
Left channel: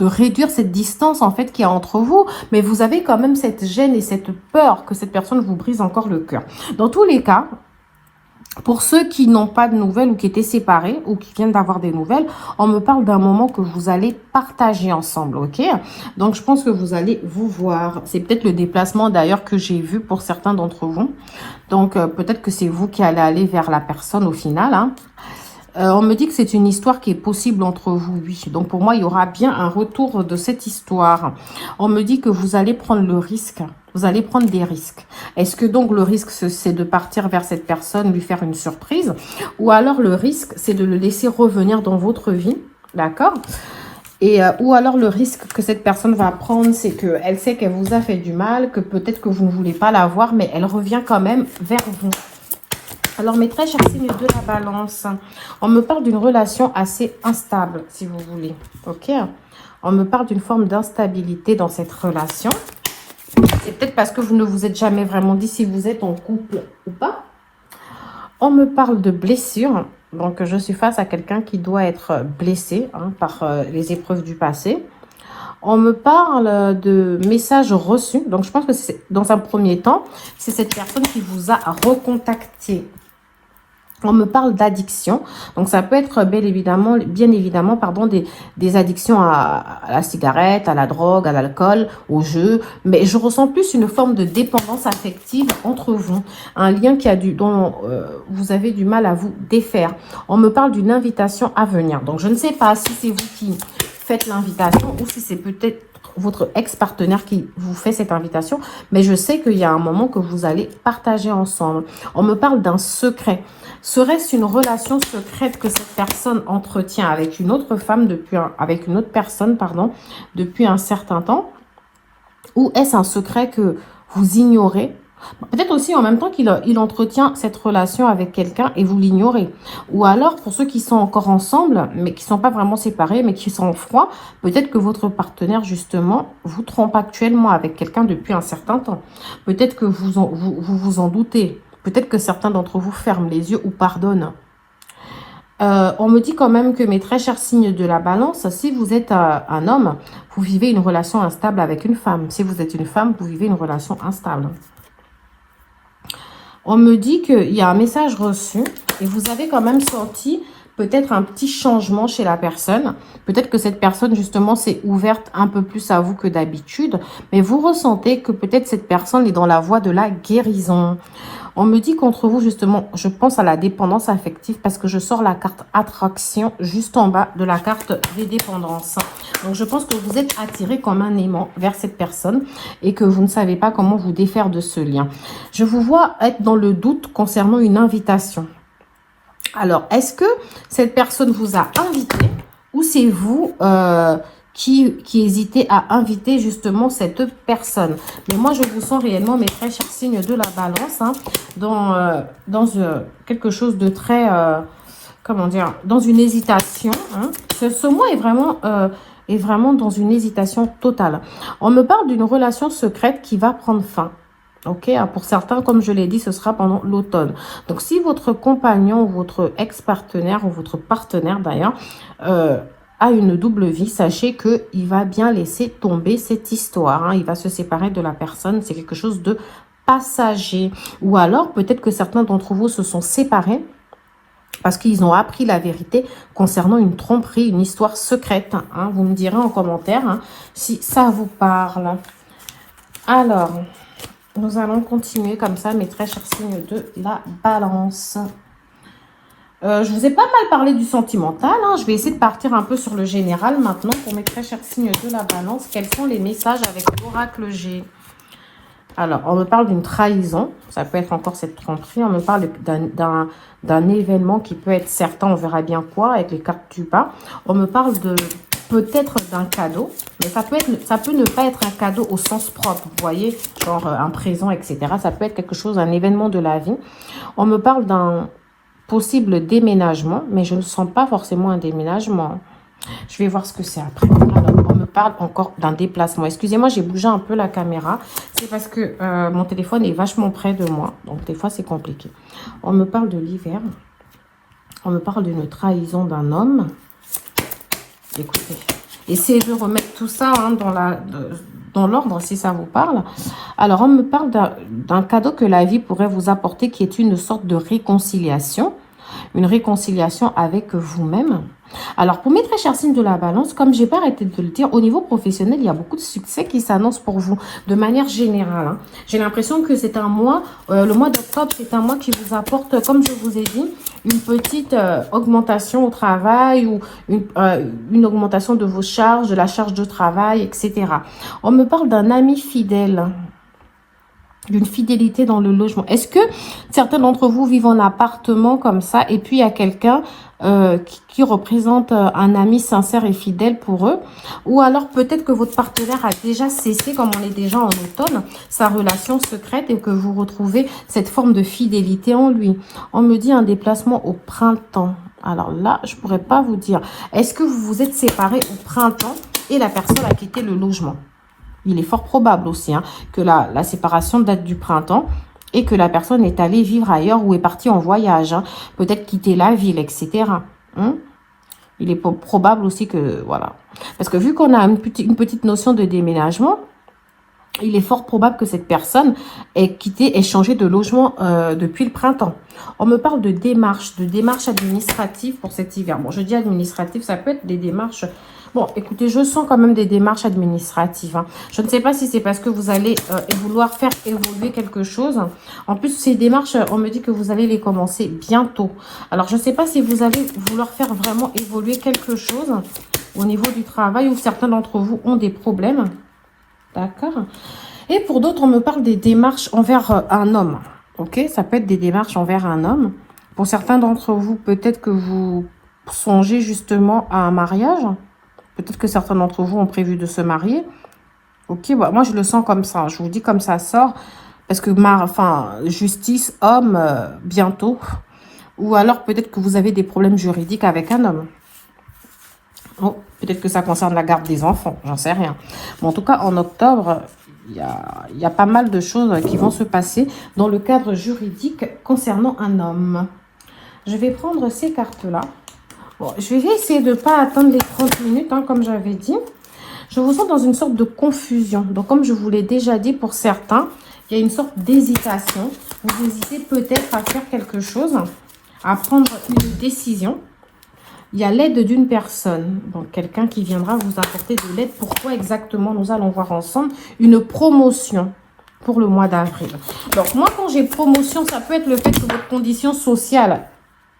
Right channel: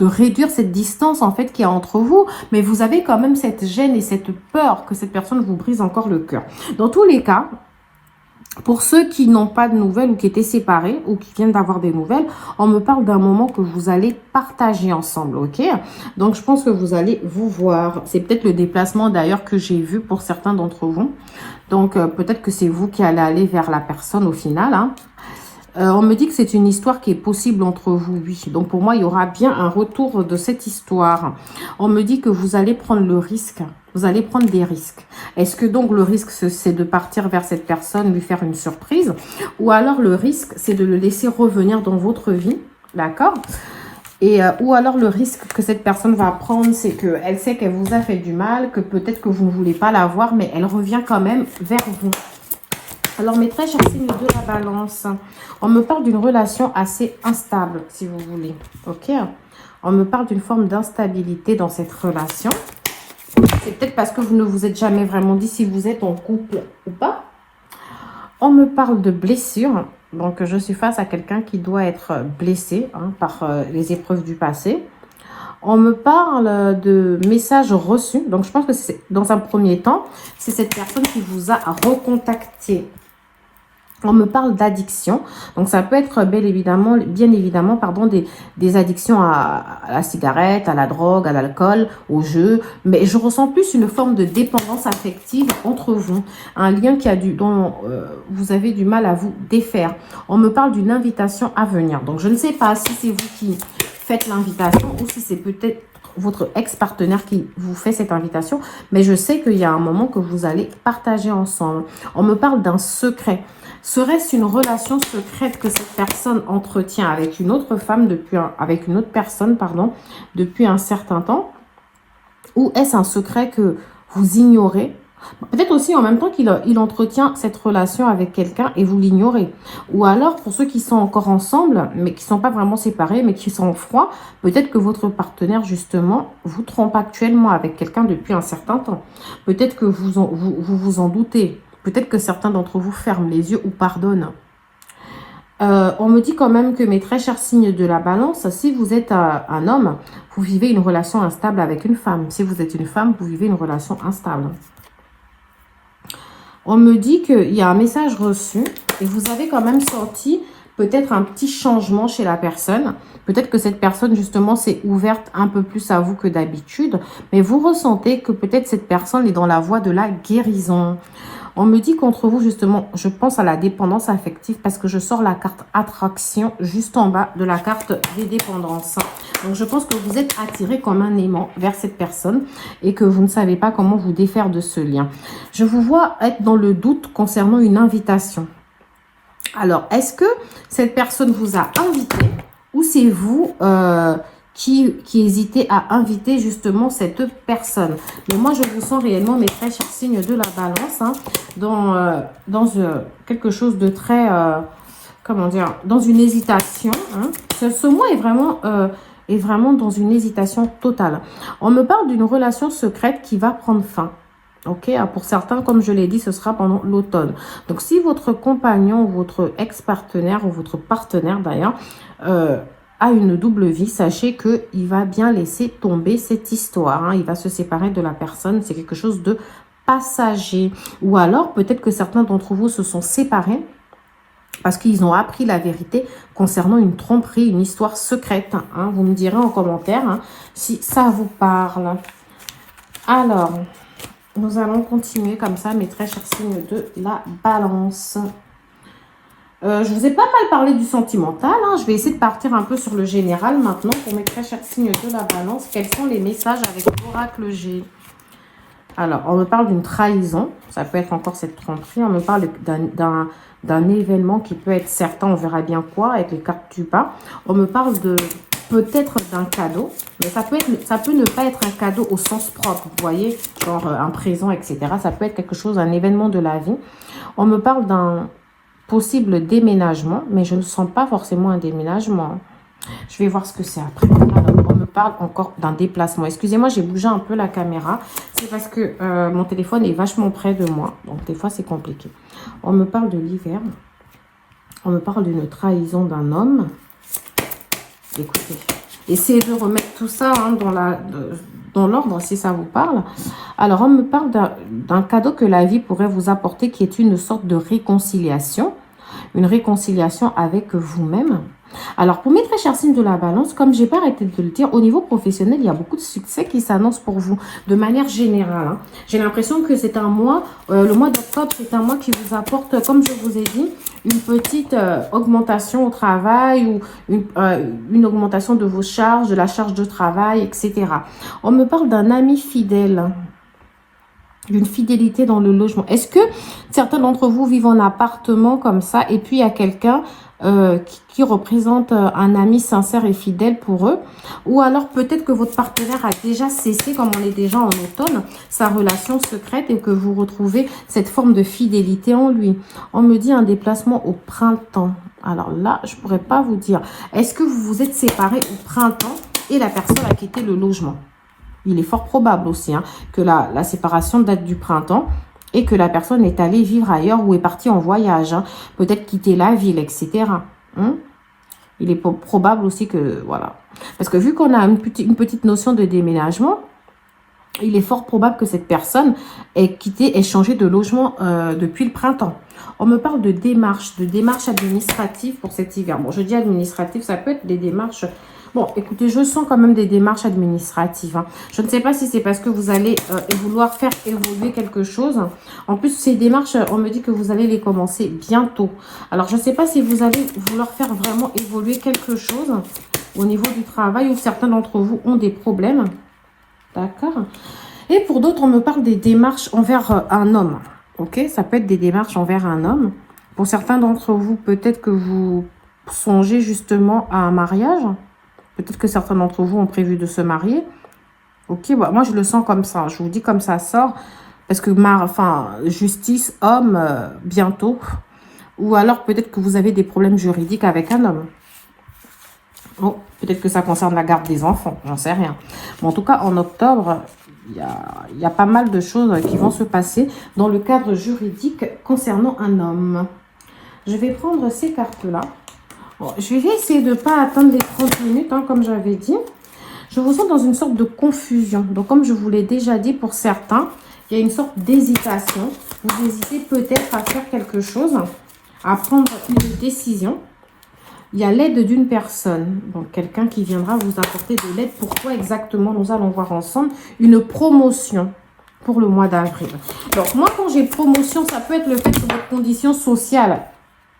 réduire cette distance en fait qu'il y a entre vous, mais vous avez quand même cette gêne et cette peur que cette personne vous brise encore le cœur. Dans tous les cas, pour ceux qui n'ont pas de nouvelles ou qui étaient séparés ou qui viennent d'avoir des nouvelles, on me parle d'un moment que vous allez partager ensemble, ok? Donc, je pense que vous allez vous voir. C'est peut-être le déplacement d'ailleurs que j'ai vu pour certains d'entre vous. Donc, peut-être que c'est vous qui allez aller vers la personne au final, hein. On me dit que c'est une histoire qui est possible entre vous, oui. Donc, pour moi, il y aura bien un retour de cette histoire. On me dit que vous allez prendre le risque. Vous allez prendre des risques. Est-ce que donc le risque, c'est de partir vers cette personne, lui faire une surprise? Ou alors le risque, c'est de le laisser revenir dans votre vie, d'accord? Et ou alors le risque que cette personne va prendre, c'est qu'elle sait qu'elle vous a fait du mal, que peut-être que vous ne voulez pas la voir, mais elle revient quand même vers vous. Alors, mes très chers signes de la balance, on me parle d'une relation assez instable, si vous voulez. Ok? On me parle d'une forme d'instabilité dans cette relation. C'est peut-être parce que vous ne vous êtes jamais vraiment dit si vous êtes en couple ou pas. On me parle de blessures. Donc, je suis face à quelqu'un qui doit être blessé par les épreuves du passé. On me parle de messages reçus. Donc, je pense que c'est dans un premier temps, c'est cette personne qui vous a recontacté. On me parle d'addiction. Donc, ça peut être bien évidemment, des addictions à la cigarette, à la drogue, à l'alcool, au jeu. Mais je ressens plus une forme de dépendance affective entre vous. Un lien dont vous avez du mal à vous défaire. On me parle d'une invitation à venir. Donc, je ne sais pas si c'est vous qui faites l'invitation ou si c'est peut-être votre ex-partenaire qui vous fait cette invitation. Mais je sais qu'il y a un moment que vous allez partager ensemble. On me parle d'un secret. Serait-ce une relation secrète que cette personne entretient avec une autre femme avec une autre personne, depuis un certain temps? Ou est-ce un secret que vous ignorez? Peut-être aussi en même temps qu'il entretient cette relation avec quelqu'un et vous l'ignorez. Ou alors, pour ceux qui sont encore ensemble, mais qui ne sont pas vraiment séparés, mais qui sont en froid, peut-être que votre partenaire, justement, vous trompe actuellement avec quelqu'un depuis un certain temps. Peut-être que vous vous en doutez. Peut-être que certains d'entre vous ferment les yeux ou pardonnent. On me dit quand même que mes très chers signes de la balance, si vous êtes un homme, vous vivez une relation instable avec une femme. Si vous êtes une femme, vous vivez une relation instable. On me dit qu'il y a un message reçu et vous avez quand même senti peut-être un petit changement chez la personne. Peut-être que cette personne, justement, s'est ouverte un peu plus à vous que d'habitude. Mais vous ressentez que peut-être cette personne est dans la voie de la guérison. On me dit qu'entre vous, justement, je pense à la dépendance affective parce que je sors la carte attraction juste en bas de la carte des dépendances. Donc, je pense que vous êtes attiré comme un aimant vers cette personne et que vous ne savez pas comment vous défaire de ce lien. Je vous vois être dans le doute concernant une invitation. Alors, est-ce que cette personne vous a invité ou c'est vous qui hésitez à inviter justement cette personne? Mais moi, je vous sens réellement, mes très chers signes de la balance, dans quelque chose de très, comment dire, dans une hésitation. Ce mot est vraiment dans une hésitation totale. On me parle d'une relation secrète qui va prendre fin. Ok, pour certains, comme je l'ai dit, ce sera pendant l'automne. Donc, si votre compagnon ou votre ex-partenaire ou votre partenaire d'ailleurs a une double vie, sachez qu'il va bien laisser tomber cette histoire. Il va se séparer de la personne. C'est quelque chose de passager. Ou alors, peut-être que certains d'entre vous se sont séparés parce qu'ils ont appris la vérité concernant une tromperie, une histoire secrète. Vous me direz en commentaire si ça vous parle. Alors, nous allons continuer comme ça, mes très chers signes de la balance. Je vous ai pas mal parlé du sentimental. Je vais essayer de partir un peu sur le général maintenant pour mes très chers signes de la balance. Quels sont les messages avec l'oracle G? Alors, on me parle d'une trahison. Ça peut être encore cette tromperie. On me parle d'un événement qui peut être certain. On verra bien quoi avec les cartes du bas. On me parle de peut-être d'un cadeau, mais ça peut ne pas être un cadeau au sens propre, vous voyez, genre un présent, etc. Ça peut être quelque chose, un événement de la vie. On me parle d'un possible déménagement, mais je ne sens pas forcément un déménagement. Je vais voir ce que c'est après. Alors, on me parle encore d'un déplacement. Excusez-moi, j'ai bougé un peu la caméra. C'est parce que mon téléphone est vachement près de moi, donc des fois c'est compliqué. On me parle de l'hiver. On me parle d'une trahison d'un homme. Écoutez, Essayez de remettre tout ça hein, dans l'ordre, si ça vous parle. Alors, on me parle d'un cadeau que la vie pourrait vous apporter, qui est une sorte de réconciliation. Une réconciliation avec vous-même. Alors, pour mes très chers signes de la balance, comme j'ai pas arrêté de le dire, au niveau professionnel, il y a beaucoup de succès qui s'annoncent pour vous, de manière générale. Hein. J'ai l'impression que c'est un mois, le mois d'octobre, c'est un mois qui vous apporte, comme je vous ai dit, une petite augmentation au travail ou une augmentation de vos charges, de la charge de travail, etc. On me parle d'un ami fidèle. D'une fidélité dans le logement. Est-ce que certains d'entre vous vivent en appartement comme ça et puis il y a quelqu'un qui représente un ami sincère et fidèle pour eux? Ou alors peut-être que votre partenaire a déjà cessé, comme on est déjà en automne, sa relation secrète et que vous retrouvez cette forme de fidélité en lui. On me dit un déplacement au printemps. Alors là, je pourrais pas vous dire. Est-ce que vous vous êtes séparés au printemps et la personne a quitté le logement? Il est fort probable aussi hein, que la séparation date du printemps et que la personne est allée vivre ailleurs ou est partie en voyage. Hein, peut-être quitter la ville, etc. Il est probable aussi que... Voilà. Parce que vu qu'on a une petite notion de déménagement, il est fort probable que cette personne ait quitté et changé de logement depuis le printemps. On me parle de démarches administratives pour cet hiver. Bon, je dis administratif, ça peut être des démarches... Bon, écoutez, je sens quand même des démarches administratives. Hein. Je ne sais pas si c'est parce que vous allez vouloir faire évoluer quelque chose. En plus, ces démarches, on me dit que vous allez les commencer bientôt. Alors, je ne sais pas si vous allez vouloir faire vraiment évoluer quelque chose au niveau du travail ou certains d'entre vous ont des problèmes. D'accord. Et pour d'autres, on me parle des démarches envers un homme. Ok, ça peut être des démarches envers un homme. Pour certains d'entre vous, peut-être que vous songez justement à un mariage. Peut-être que certains d'entre vous ont prévu de se marier. Ok, bah, moi je le sens comme ça. Je vous dis comme ça sort. Parce que, justice, homme, bientôt. Ou alors peut-être que vous avez des problèmes juridiques avec un homme. Bon, peut-être que ça concerne la garde des enfants. J'en sais rien. Mais en tout cas, en octobre, il y a pas mal de choses qui vont se passer dans le cadre juridique concernant un homme. Je vais prendre ces cartes-là. Bon, je vais essayer de ne pas attendre les 30 minutes, hein, comme j'avais dit. Je vous sens dans une sorte de confusion. Donc, comme je vous l'ai déjà dit, pour certains, il y a une sorte d'hésitation. Vous hésitez peut-être à faire quelque chose, à prendre une décision. Il y a l'aide d'une personne. Donc, quelqu'un qui viendra vous apporter de l'aide. Pourquoi exactement? Nous allons voir ensemble une promotion pour le mois d'avril. Donc, moi, quand j'ai promotion, ça peut être le fait que votre condition sociale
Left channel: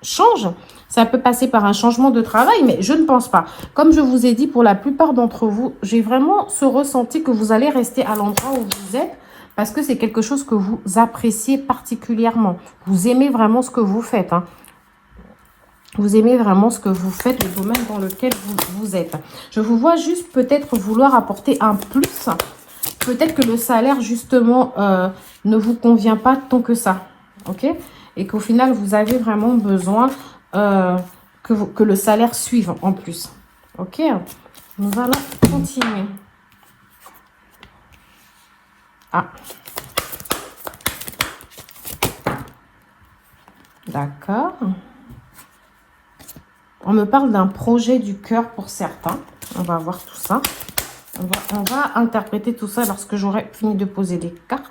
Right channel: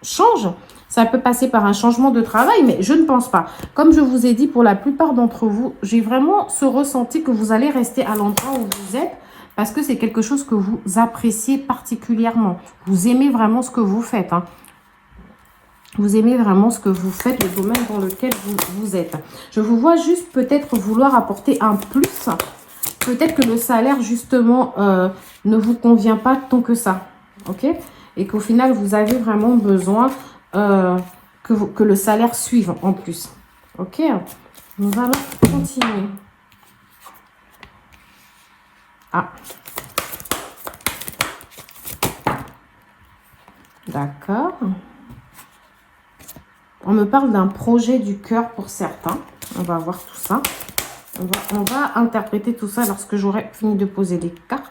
change. Ça peut passer par un changement de travail, mais je ne pense pas. Comme je vous ai dit, pour la plupart d'entre vous, j'ai vraiment ce ressenti que vous allez rester à l'endroit où vous êtes parce que c'est quelque chose que vous appréciez particulièrement. Vous aimez vraiment ce que vous faites. Hein. Vous aimez vraiment ce que vous faites, le domaine dans lequel vous êtes. Je vous vois juste peut-être vouloir apporter un plus. Peut-être que le salaire, justement, ne vous convient pas tant que ça. Ok? Et qu'au final, vous avez vraiment besoin... que le salaire suive en plus. Ok, nous allons continuer. Ah. D'accord. On me parle d'un projet du cœur pour certains. On va voir tout ça. On va interpréter tout ça lorsque j'aurai fini de poser les cartes.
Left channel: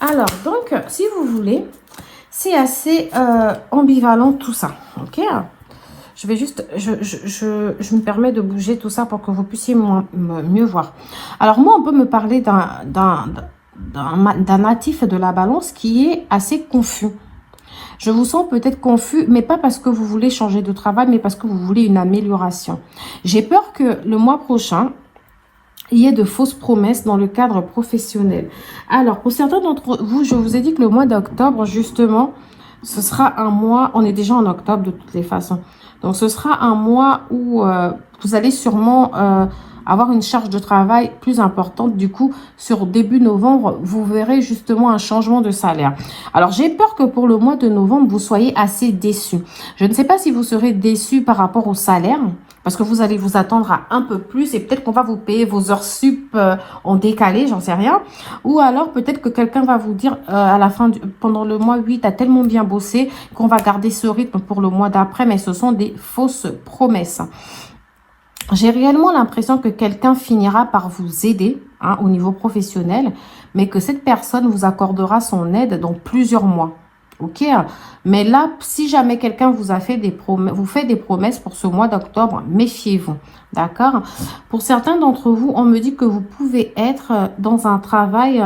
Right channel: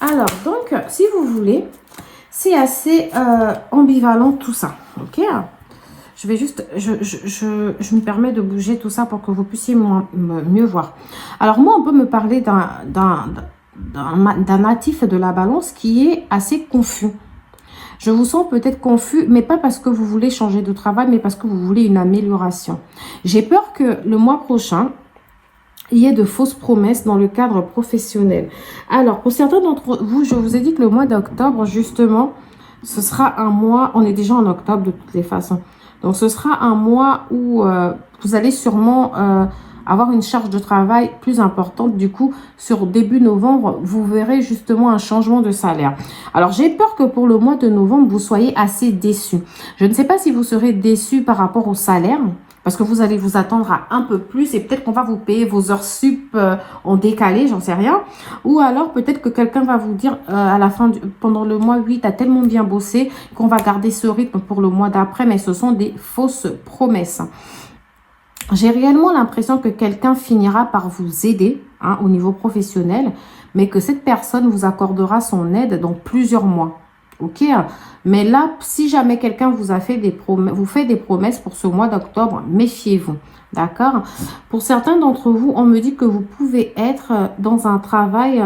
Alors, donc, si vous voulez, c'est assez ambivalent tout ça, ok? Je vais juste, je me permets de bouger tout ça pour que vous puissiez mieux voir. Alors, moi, on peut me parler d'un natif de la balance qui est assez confus. Je vous sens peut-être confus, mais pas parce que vous voulez changer de travail, mais parce que vous voulez une amélioration. J'ai peur que le mois prochain, il y ait de fausses promesses dans le cadre professionnel. Alors, pour certains d'entre vous, je vous ai dit que le mois d'octobre, justement, ce sera un mois, on est déjà en octobre de toutes les façons. Donc, ce sera un mois où vous allez sûrement avoir une charge de travail plus importante. Du coup, sur début novembre, vous verrez justement un changement de salaire. Alors, j'ai peur que pour le mois de novembre, vous soyez assez déçus. Je ne sais pas si vous serez déçus par rapport au salaire, Parce que vous allez vous attendre à un peu plus et peut-être qu'on va vous payer vos heures sup en décalé, j'en sais rien. Ou alors peut-être que quelqu'un va vous dire à la fin, pendant le mois 8, tu as tellement bien bossé qu'on va garder ce rythme pour le mois d'après. Mais ce sont des fausses promesses. J'ai réellement l'impression que quelqu'un finira par vous aider au niveau professionnel, mais que cette personne vous accordera son aide dans plusieurs mois. Ok, mais là, si jamais quelqu'un vous a fait vous fait des promesses pour ce mois d'octobre, méfiez-vous, d'accord? Pour certains d'entre vous, on me dit que vous pouvez être dans un travail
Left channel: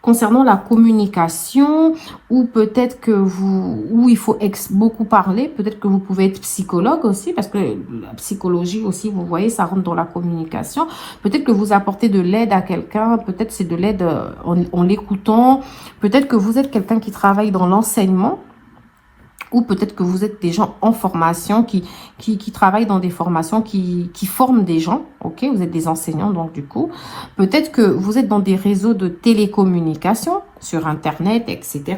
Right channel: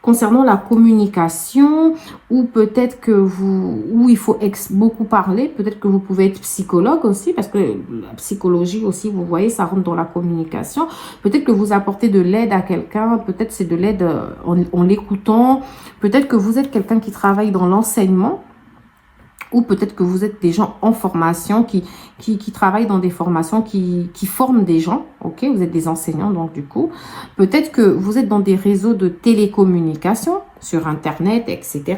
concernant la communication, ou peut-être que où il faut beaucoup parler, peut-être que vous pouvez être psychologue aussi, parce que la psychologie aussi, vous voyez, ça rentre dans la communication. Peut-être que vous apportez de l'aide à quelqu'un, peut-être c'est de l'aide en l'écoutant, peut-être que vous êtes quelqu'un qui travaille dans l'enseignement, ou peut-être que vous êtes des gens en formation qui travaillent dans des formations qui forment des gens, ok? Vous êtes des enseignants, donc du coup. Peut-être que vous êtes dans des réseaux de télécommunication, sur Internet, etc.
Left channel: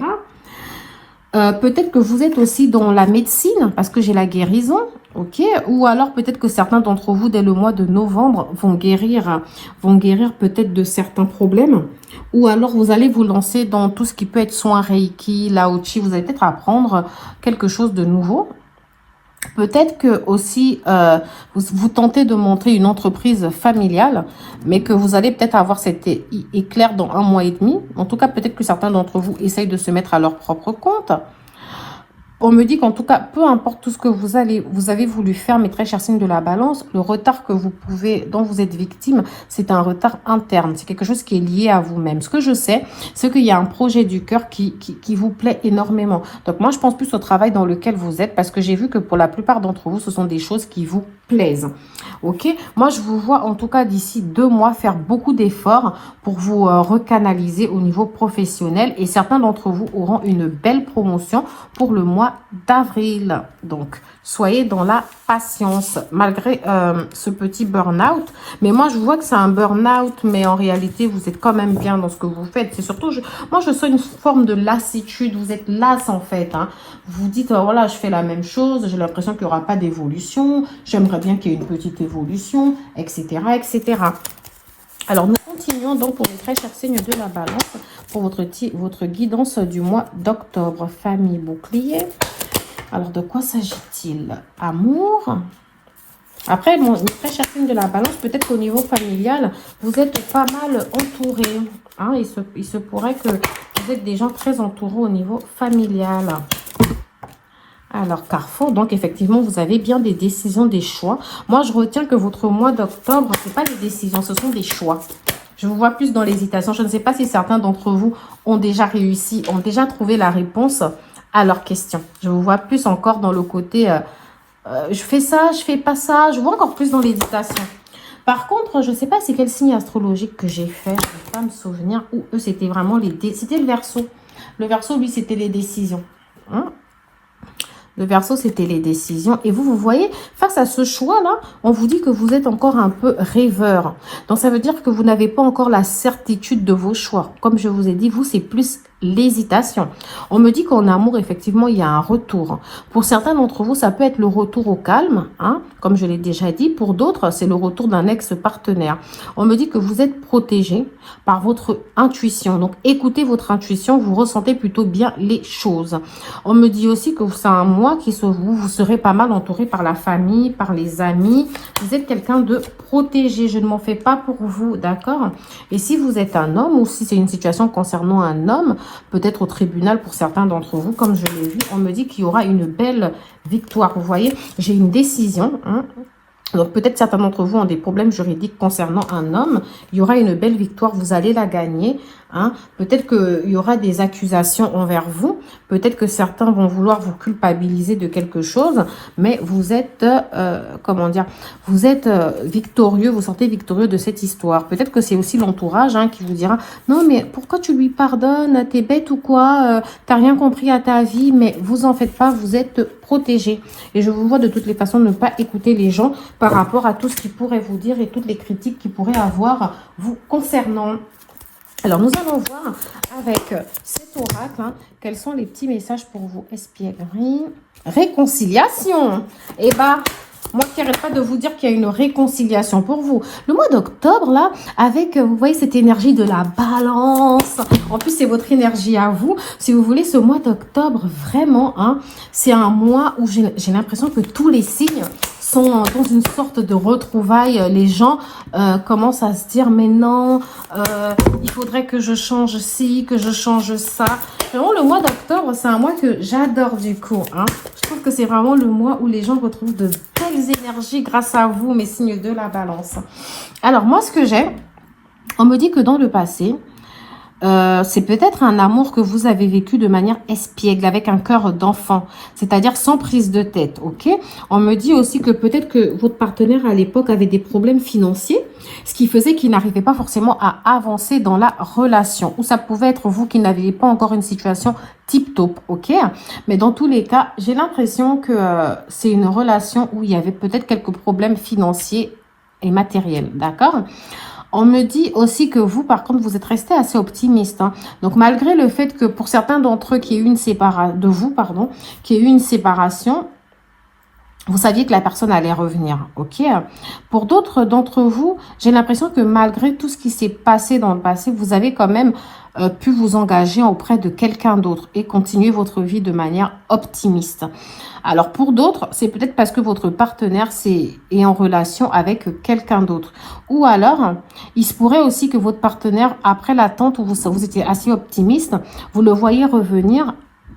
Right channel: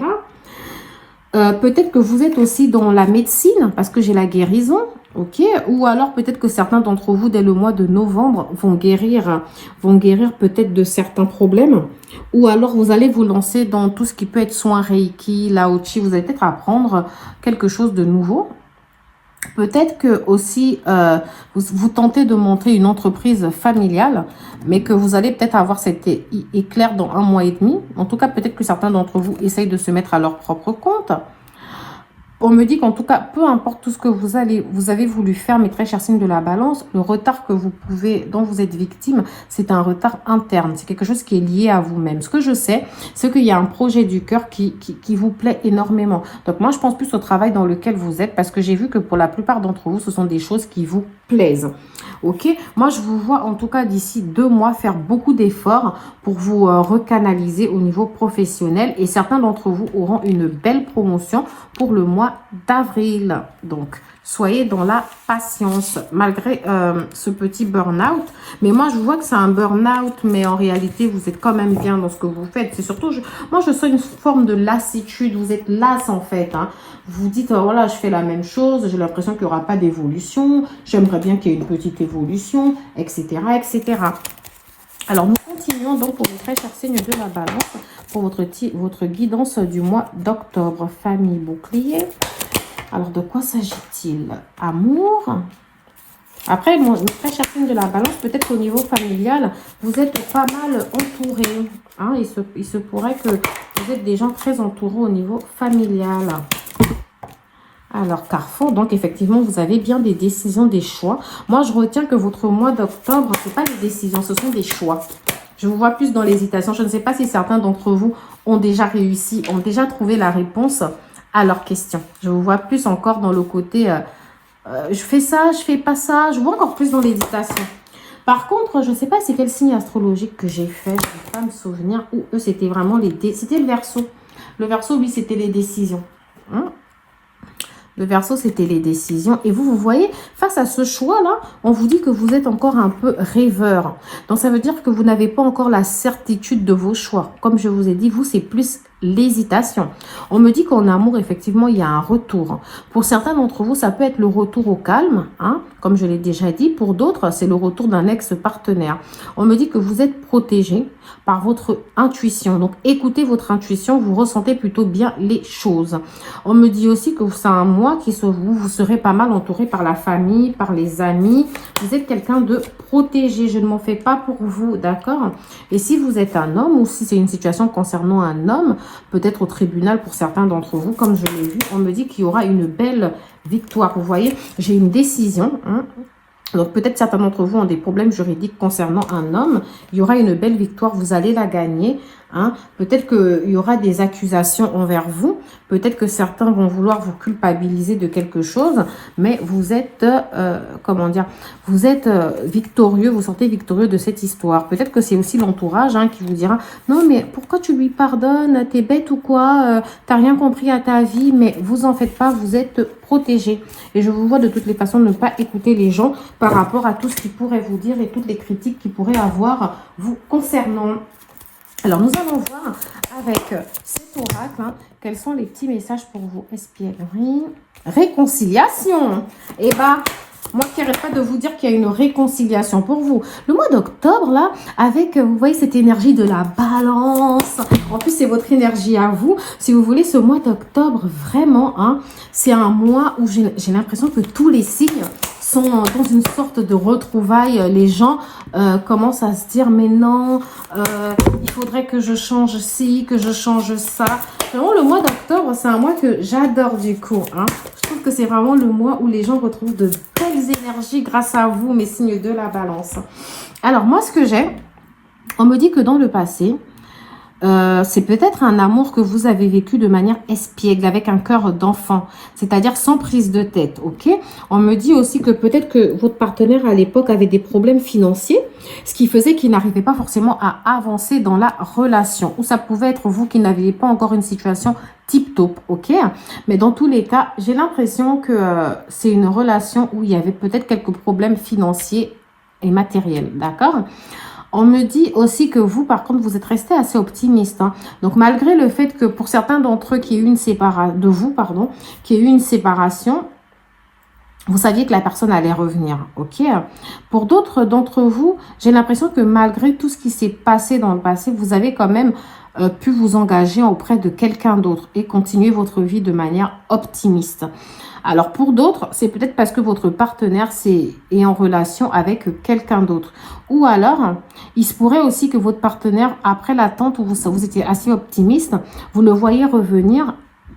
Peut-être que vous êtes aussi dans la médecine, parce que j'ai la guérison, ok? Ou alors peut-être que certains d'entre vous, dès le mois de novembre, vont guérir peut-être de certains problèmes. Ou alors vous allez vous lancer dans tout ce qui peut être soin Reiki, Lao Chi. Vous allez peut-être apprendre quelque chose de nouveau. Peut-être que aussi vous tentez de monter une entreprise familiale, mais que vous allez peut-être avoir cet éclair dans 1 mois et demi. En tout cas, peut-être que certains d'entre vous essayent de se mettre à leur propre compte. On me dit qu'en tout cas, peu importe tout ce que vous avez voulu faire, mes très chers signes de la balance, le retard dont vous êtes victime, c'est un retard interne. C'est quelque chose qui est lié à vous-même. Ce que je sais, c'est qu'il y a un projet du cœur qui vous plaît énormément. Donc moi, je pense plus au travail dans lequel vous êtes, parce que j'ai vu que pour la plupart d'entre vous, ce sont des choses qui vous plaisent. Ok? Moi, je vous vois en tout cas d'ici 2 mois faire beaucoup d'efforts pour vous recanaliser au niveau professionnel. Et certains d'entre vous auront une belle promotion pour le mois d'avril. Donc, soyez dans la patience malgré ce petit burn-out. Mais moi, je vois que c'est un burn-out, mais en réalité, vous êtes quand même bien dans ce que vous faites. C'est surtout, moi, je sens une forme de lassitude. Vous êtes lasse en fait. Vous dites, voilà, je fais la même chose. J'ai l'impression qu'il n'y aura pas d'évolution. J'aimerais bien qu'il y ait une petite évolution, etc., etc. Alors, nous continuons donc pour les très chers signes de la balance pour votre guidance du mois d'octobre. Famille bouclier. Alors, de quoi s'agit-il? Amour. Après, mon très cher signe de la balance, peut-être qu'au niveau familial, vous êtes pas mal entouré. Il se pourrait que vous êtes des gens très entourés au niveau familial. Alors, Carrefour, donc effectivement, vous avez bien des décisions, des choix. Moi, je retiens que votre mois d'octobre, ce n'est pas des décisions, ce sont des choix. Je vous vois plus dans l'hésitation. Je ne sais pas si certains d'entre vous ont déjà réussi, ont déjà trouvé la réponse à leurs questions. Je vous vois plus encore dans le côté, je fais ça, je fais pas ça. Je vois encore plus dans l'hésitation. Par contre, je ne sais pas c'est quel signe astrologique que j'ai fait. Je ne peux pas me souvenir. Ou eux, c'était vraiment c'était le Verseau. Le Verseau, lui, c'était les décisions. Le Verseau, c'était les décisions. Et vous voyez, face à ce choix-là, on vous dit que vous êtes encore un peu rêveur. Donc, ça veut dire que vous n'avez pas encore la certitude de vos choix. Comme je vous ai dit, vous, c'est plus l'hésitation. On me dit qu'en amour, effectivement, il y a un retour. Pour certains d'entre vous, ça peut être le retour au calme, comme je l'ai déjà dit. Pour d'autres, c'est le retour d'un ex-partenaire. On me dit que vous êtes protégé par votre intuition. Donc, écoutez votre intuition, vous ressentez plutôt bien les choses. On me dit aussi que c'est un mois vous serez pas mal entouré par la famille, par les amis. Vous êtes quelqu'un de protégé. Je ne m'en fais pas pour vous, d'accord? Et si vous êtes un homme ou si c'est une situation concernant un homme, peut-être au tribunal pour certains d'entre vous, comme je l'ai vu, on me dit qu'il y aura une belle victoire. Vous voyez, j'ai une décision. Donc, peut-être certains d'entre vous ont des problèmes juridiques concernant un homme. Il y aura une belle victoire, vous allez la gagner. Peut-être qu'il y aura des accusations envers vous. Peut-être que certains vont vouloir vous culpabiliser de quelque chose. Mais vous êtes, vous êtes victorieux, vous sortez victorieux de cette histoire. Peut-être que c'est aussi l'entourage qui vous dira « Non, mais pourquoi tu lui pardonnes? T'es bête ou quoi? T'as rien compris à ta vie ?» Mais vous en faites pas, vous êtes protégé. Et je vous vois de toutes les façons ne pas écouter les gens par rapport à tout ce qu'ils pourraient vous dire et toutes les critiques qu'ils pourraient avoir vous concernant. Alors, nous allons voir avec cet oracle, quels sont les petits messages pour vous. Espièglerie, réconciliation. Eh bien, Moi qui n'arrête pas de vous dire qu'il y a une réconciliation pour vous. Le mois d'octobre, là, avec, vous voyez, cette énergie de la balance. En plus, c'est votre énergie à vous. Si vous voulez, ce mois d'octobre, vraiment, hein, c'est un mois où j'ai l'impression que tous les signes sont dans une sorte de retrouvailles. Les gens commencent à se dire, mais non, il faudrait que je change ci, que je change ça. Vraiment, le mois d'octobre, c'est un mois que j'adore du coup. Hein. Je trouve que c'est vraiment le mois où les gens retrouvent de belles énergies grâce à vous, mes signes de la balance. Alors, moi, ce que j'aime, on me dit que dans le passé, c'est peut-être un amour que vous avez vécu de manière espiègle, avec un cœur d'enfant, c'est-à-dire sans prise de tête, ok? On me dit aussi que peut-être que votre partenaire à l'époque avait des problèmes financiers, ce qui faisait qu'il n'arrivait pas forcément à avancer dans la relation. Ou ça pouvait être vous qui n'aviez pas encore une situation tip-top, ok? Mais dans tous les cas, j'ai l'impression que c'est une relation où il y avait peut-être quelques problèmes financiers et matériels, d'accord? On me dit aussi que vous, par contre, vous êtes resté assez optimiste. Hein. Donc, malgré le fait que pour certains d'entre eux qui eu une séparation, de vous, pardon, qui a eu une séparation, vous saviez que la personne allait revenir, ok? Pour d'autres d'entre vous, j'ai l'impression que malgré tout ce qui s'est passé dans le passé, vous avez quand même pu vous engager auprès de quelqu'un d'autre et continuer votre vie de manière optimiste. Alors pour d'autres, c'est peut-être parce que votre partenaire est en relation avec quelqu'un d'autre. Ou alors, il se pourrait aussi que votre partenaire, après l'attente où vous étiez assez optimiste, vous le voyez revenir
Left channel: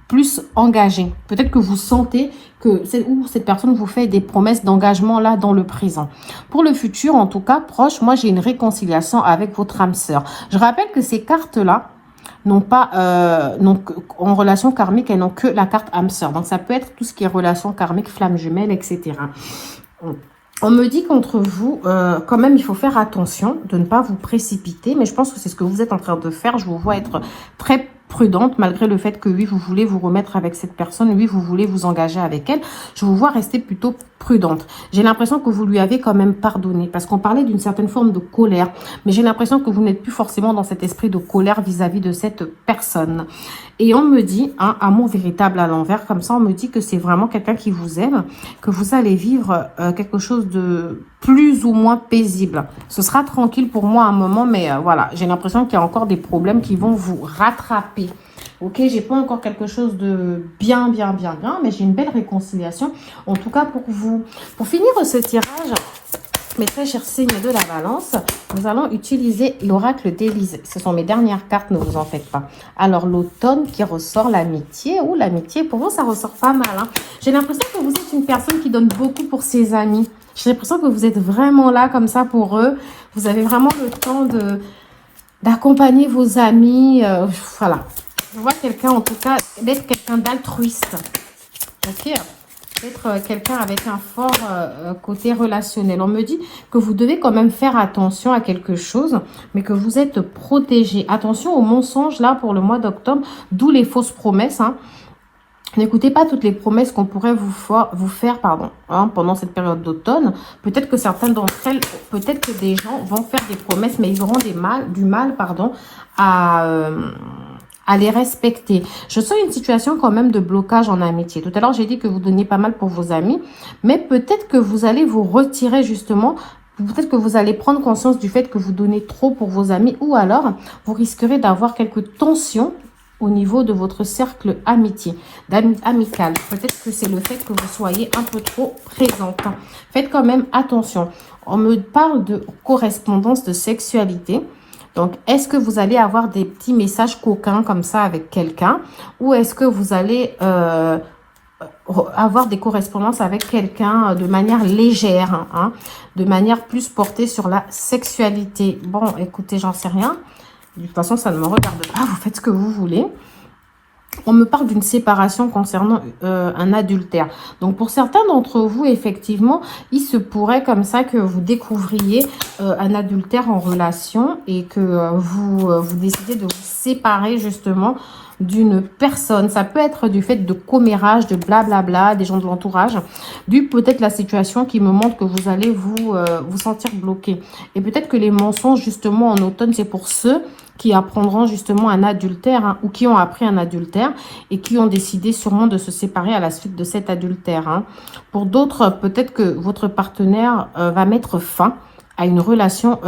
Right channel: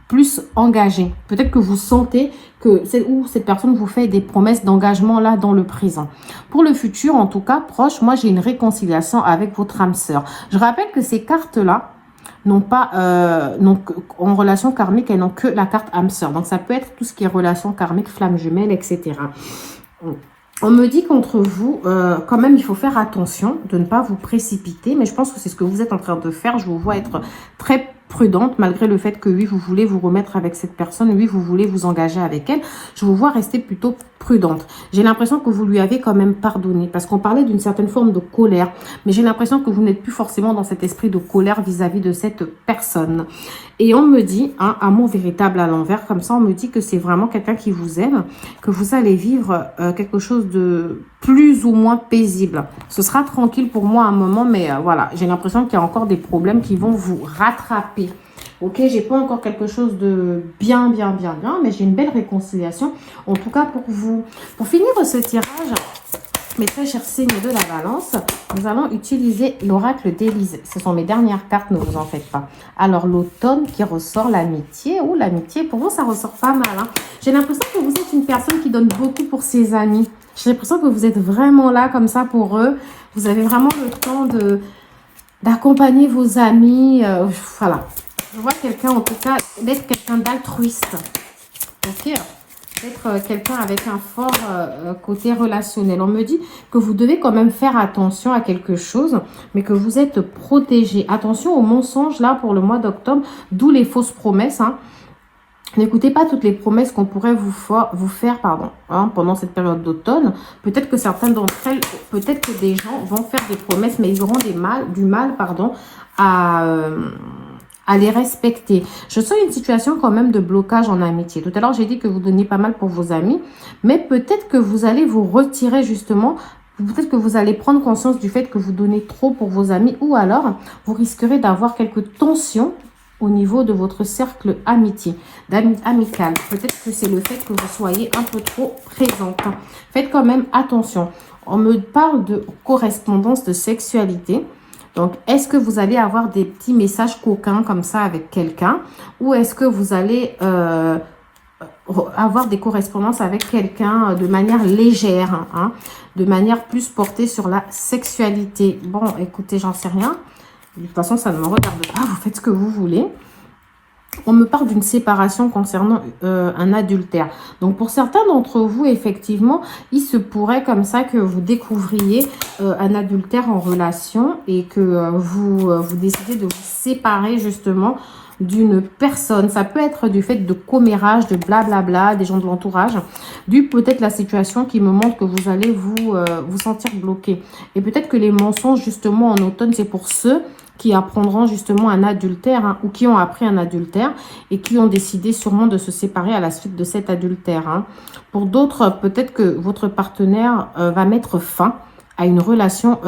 plus engagé. Peut-être que vous sentez que cette personne vous fait des promesses d'engagement là dans le présent. Pour le futur, en tout cas proche, moi j'ai une réconciliation avec votre âme sœur. Je rappelle que ces cartes-là n'ont pas en relation karmique, elles n'ont que la carte âme sœur. Donc ça peut être tout ce qui est relation karmique, flamme jumelle, etc. On me dit qu'entre vous, quand même, il faut faire attention de ne pas vous précipiter. Mais je pense que c'est ce que vous êtes en train de faire. Je vous vois être très prudente, malgré le fait que oui, vous voulez vous remettre avec cette personne. Oui, vous voulez vous engager avec elle. Je vous vois rester plutôt prudente. J'ai l'impression que vous lui avez quand même pardonné. Parce qu'on parlait d'une certaine forme de colère. Mais j'ai l'impression que vous n'êtes plus forcément dans cet esprit de colère vis-à-vis de cette personne. Et on me dit, un amour véritable à l'envers, comme ça on me dit que c'est vraiment quelqu'un qui vous aime, que vous allez vivre quelque chose de plus ou moins paisible. Ce sera tranquille pour moi un moment, mais voilà, j'ai l'impression qu'il y a encore des problèmes qui vont vous rattraper. Ok, j'ai pas encore quelque chose de bien, mais j'ai une belle réconciliation, en tout cas pour vous. Pour finir ce tirage, mes très chers signes de la balance, nous allons utiliser l'oracle d'Élysée. Ce sont mes dernières cartes, ne vous en faites pas. Alors, l'automne qui ressort, l'amitié. Ou l'amitié, pour vous, ça ressort pas mal. Hein. J'ai l'impression que vous êtes une personne qui donne beaucoup pour ses amis. J'ai l'impression que vous êtes vraiment là, comme ça, pour eux. Vous avez vraiment le temps d'accompagner vos amis. Voilà. Je vois quelqu'un, en tout cas, d'être quelqu'un d'altruiste. Ok, être quelqu'un avec un fort côté relationnel. On me dit que vous devez quand même faire attention à quelque chose, mais que vous êtes protégé. Attention aux mensonges là pour le mois d'octobre, d'où les fausses promesses. Hein. N'écoutez pas toutes les promesses qu'on pourrait vous faire pendant cette période d'automne. Peut-être que certains d'entre elles, peut-être que des gens vont faire des promesses, mais ils auront du mal à les respecter. Je sens une situation quand même de blocage en amitié. Tout à l'heure, j'ai dit que vous donniez pas mal pour vos amis, mais peut-être que vous allez vous retirer justement. Peut-être que vous allez prendre conscience du fait que vous donnez trop pour vos amis, ou alors vous risquerez d'avoir quelques tensions au niveau de votre cercle amical. Peut-être que c'est le fait que vous soyez un peu trop présente. Faites quand même attention. On me parle de correspondance de sexualité. Donc, est-ce que vous allez avoir des petits messages coquins comme ça avec quelqu'un, ou est-ce que vous allez avoir des correspondances avec quelqu'un de manière légère, hein, de manière plus portée sur la sexualité? Bon, écoutez, j'en sais rien. De toute façon, ça ne me regarde pas. Vous faites ce que vous voulez. On me parle d'une séparation concernant un adultère. Donc, pour certains d'entre vous, effectivement, il se pourrait comme ça que vous découvriez un adultère en relation et que vous décidez de vous séparer justement d'une personne. Ça peut être du fait de commérage, de blablabla, des gens de l'entourage. Du peut-être la situation qui me montre que vous allez vous sentir bloqué. Et peut-être que les mensonges, justement, en automne, c'est pour ceux qui apprendront justement un adultère, hein, ou qui ont appris un adultère et qui ont décidé sûrement de se séparer à la suite de cet adultère. Hein. Pour d'autres, peut-être que votre partenaire va mettre fin à une relation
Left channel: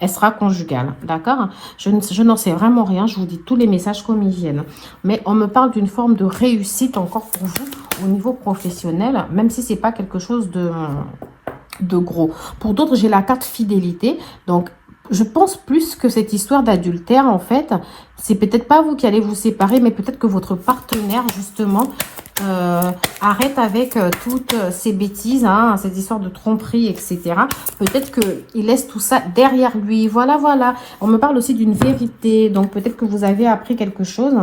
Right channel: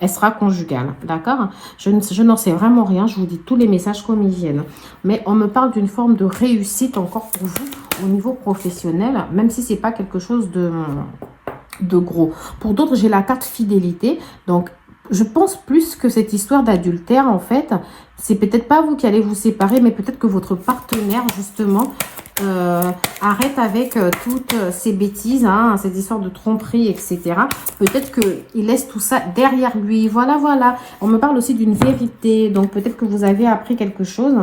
extra-conjugale, d'accord? Je n'en sais vraiment rien, je vous dis tous les messages comme ils viennent. Mais on me parle d'une forme de réussite encore pour vous au niveau professionnel, même si c'est pas quelque chose de gros. Pour d'autres, j'ai la carte fidélité, donc je pense plus que cette histoire d'adultère, en fait, c'est peut-être pas vous qui allez vous séparer, mais peut-être que votre partenaire, justement, arrête avec toutes ces bêtises, hein, cette histoire de tromperie, etc. Peut-être qu'il laisse tout ça derrière lui. Voilà, voilà. On me parle aussi d'une vérité. Donc, peut-être que vous avez appris quelque chose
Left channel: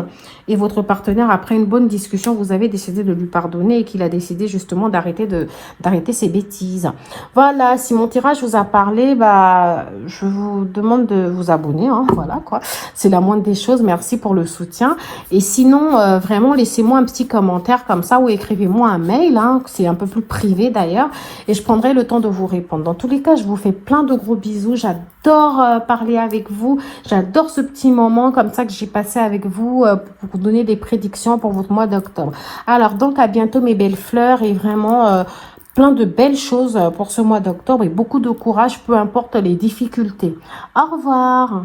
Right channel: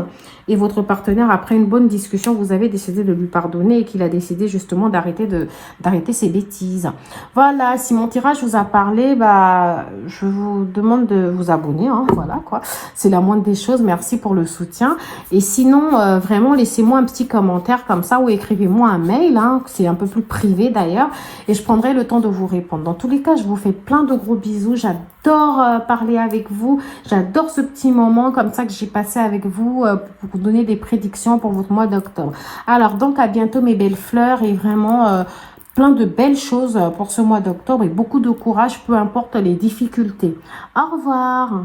et votre partenaire, après une bonne discussion, vous avez décidé de lui pardonner et qu'il a décidé justement d'arrêter ses bêtises. Voilà. Si mon tirage vous a parlé, bah, je vous demande de vous abonner. Hein, voilà, quoi. C'est la moindre des choses. Merci pour le soutien. Et sinon, vraiment, laissez-moi un petit commentaire comme ça ou écrivez-moi un mail, hein, c'est un peu plus privé d'ailleurs, et je prendrai le temps de vous répondre. Dans tous les cas, je vous fais plein de gros bisous. J'adore parler avec vous. J'adore ce petit moment comme ça que j'ai passé avec vous pour vous donner des prédictions pour votre mois d'octobre. Alors, donc, à bientôt mes belles fleurs et vraiment plein de belles choses pour ce mois d'octobre et beaucoup de courage, peu importe les difficultés. Au revoir.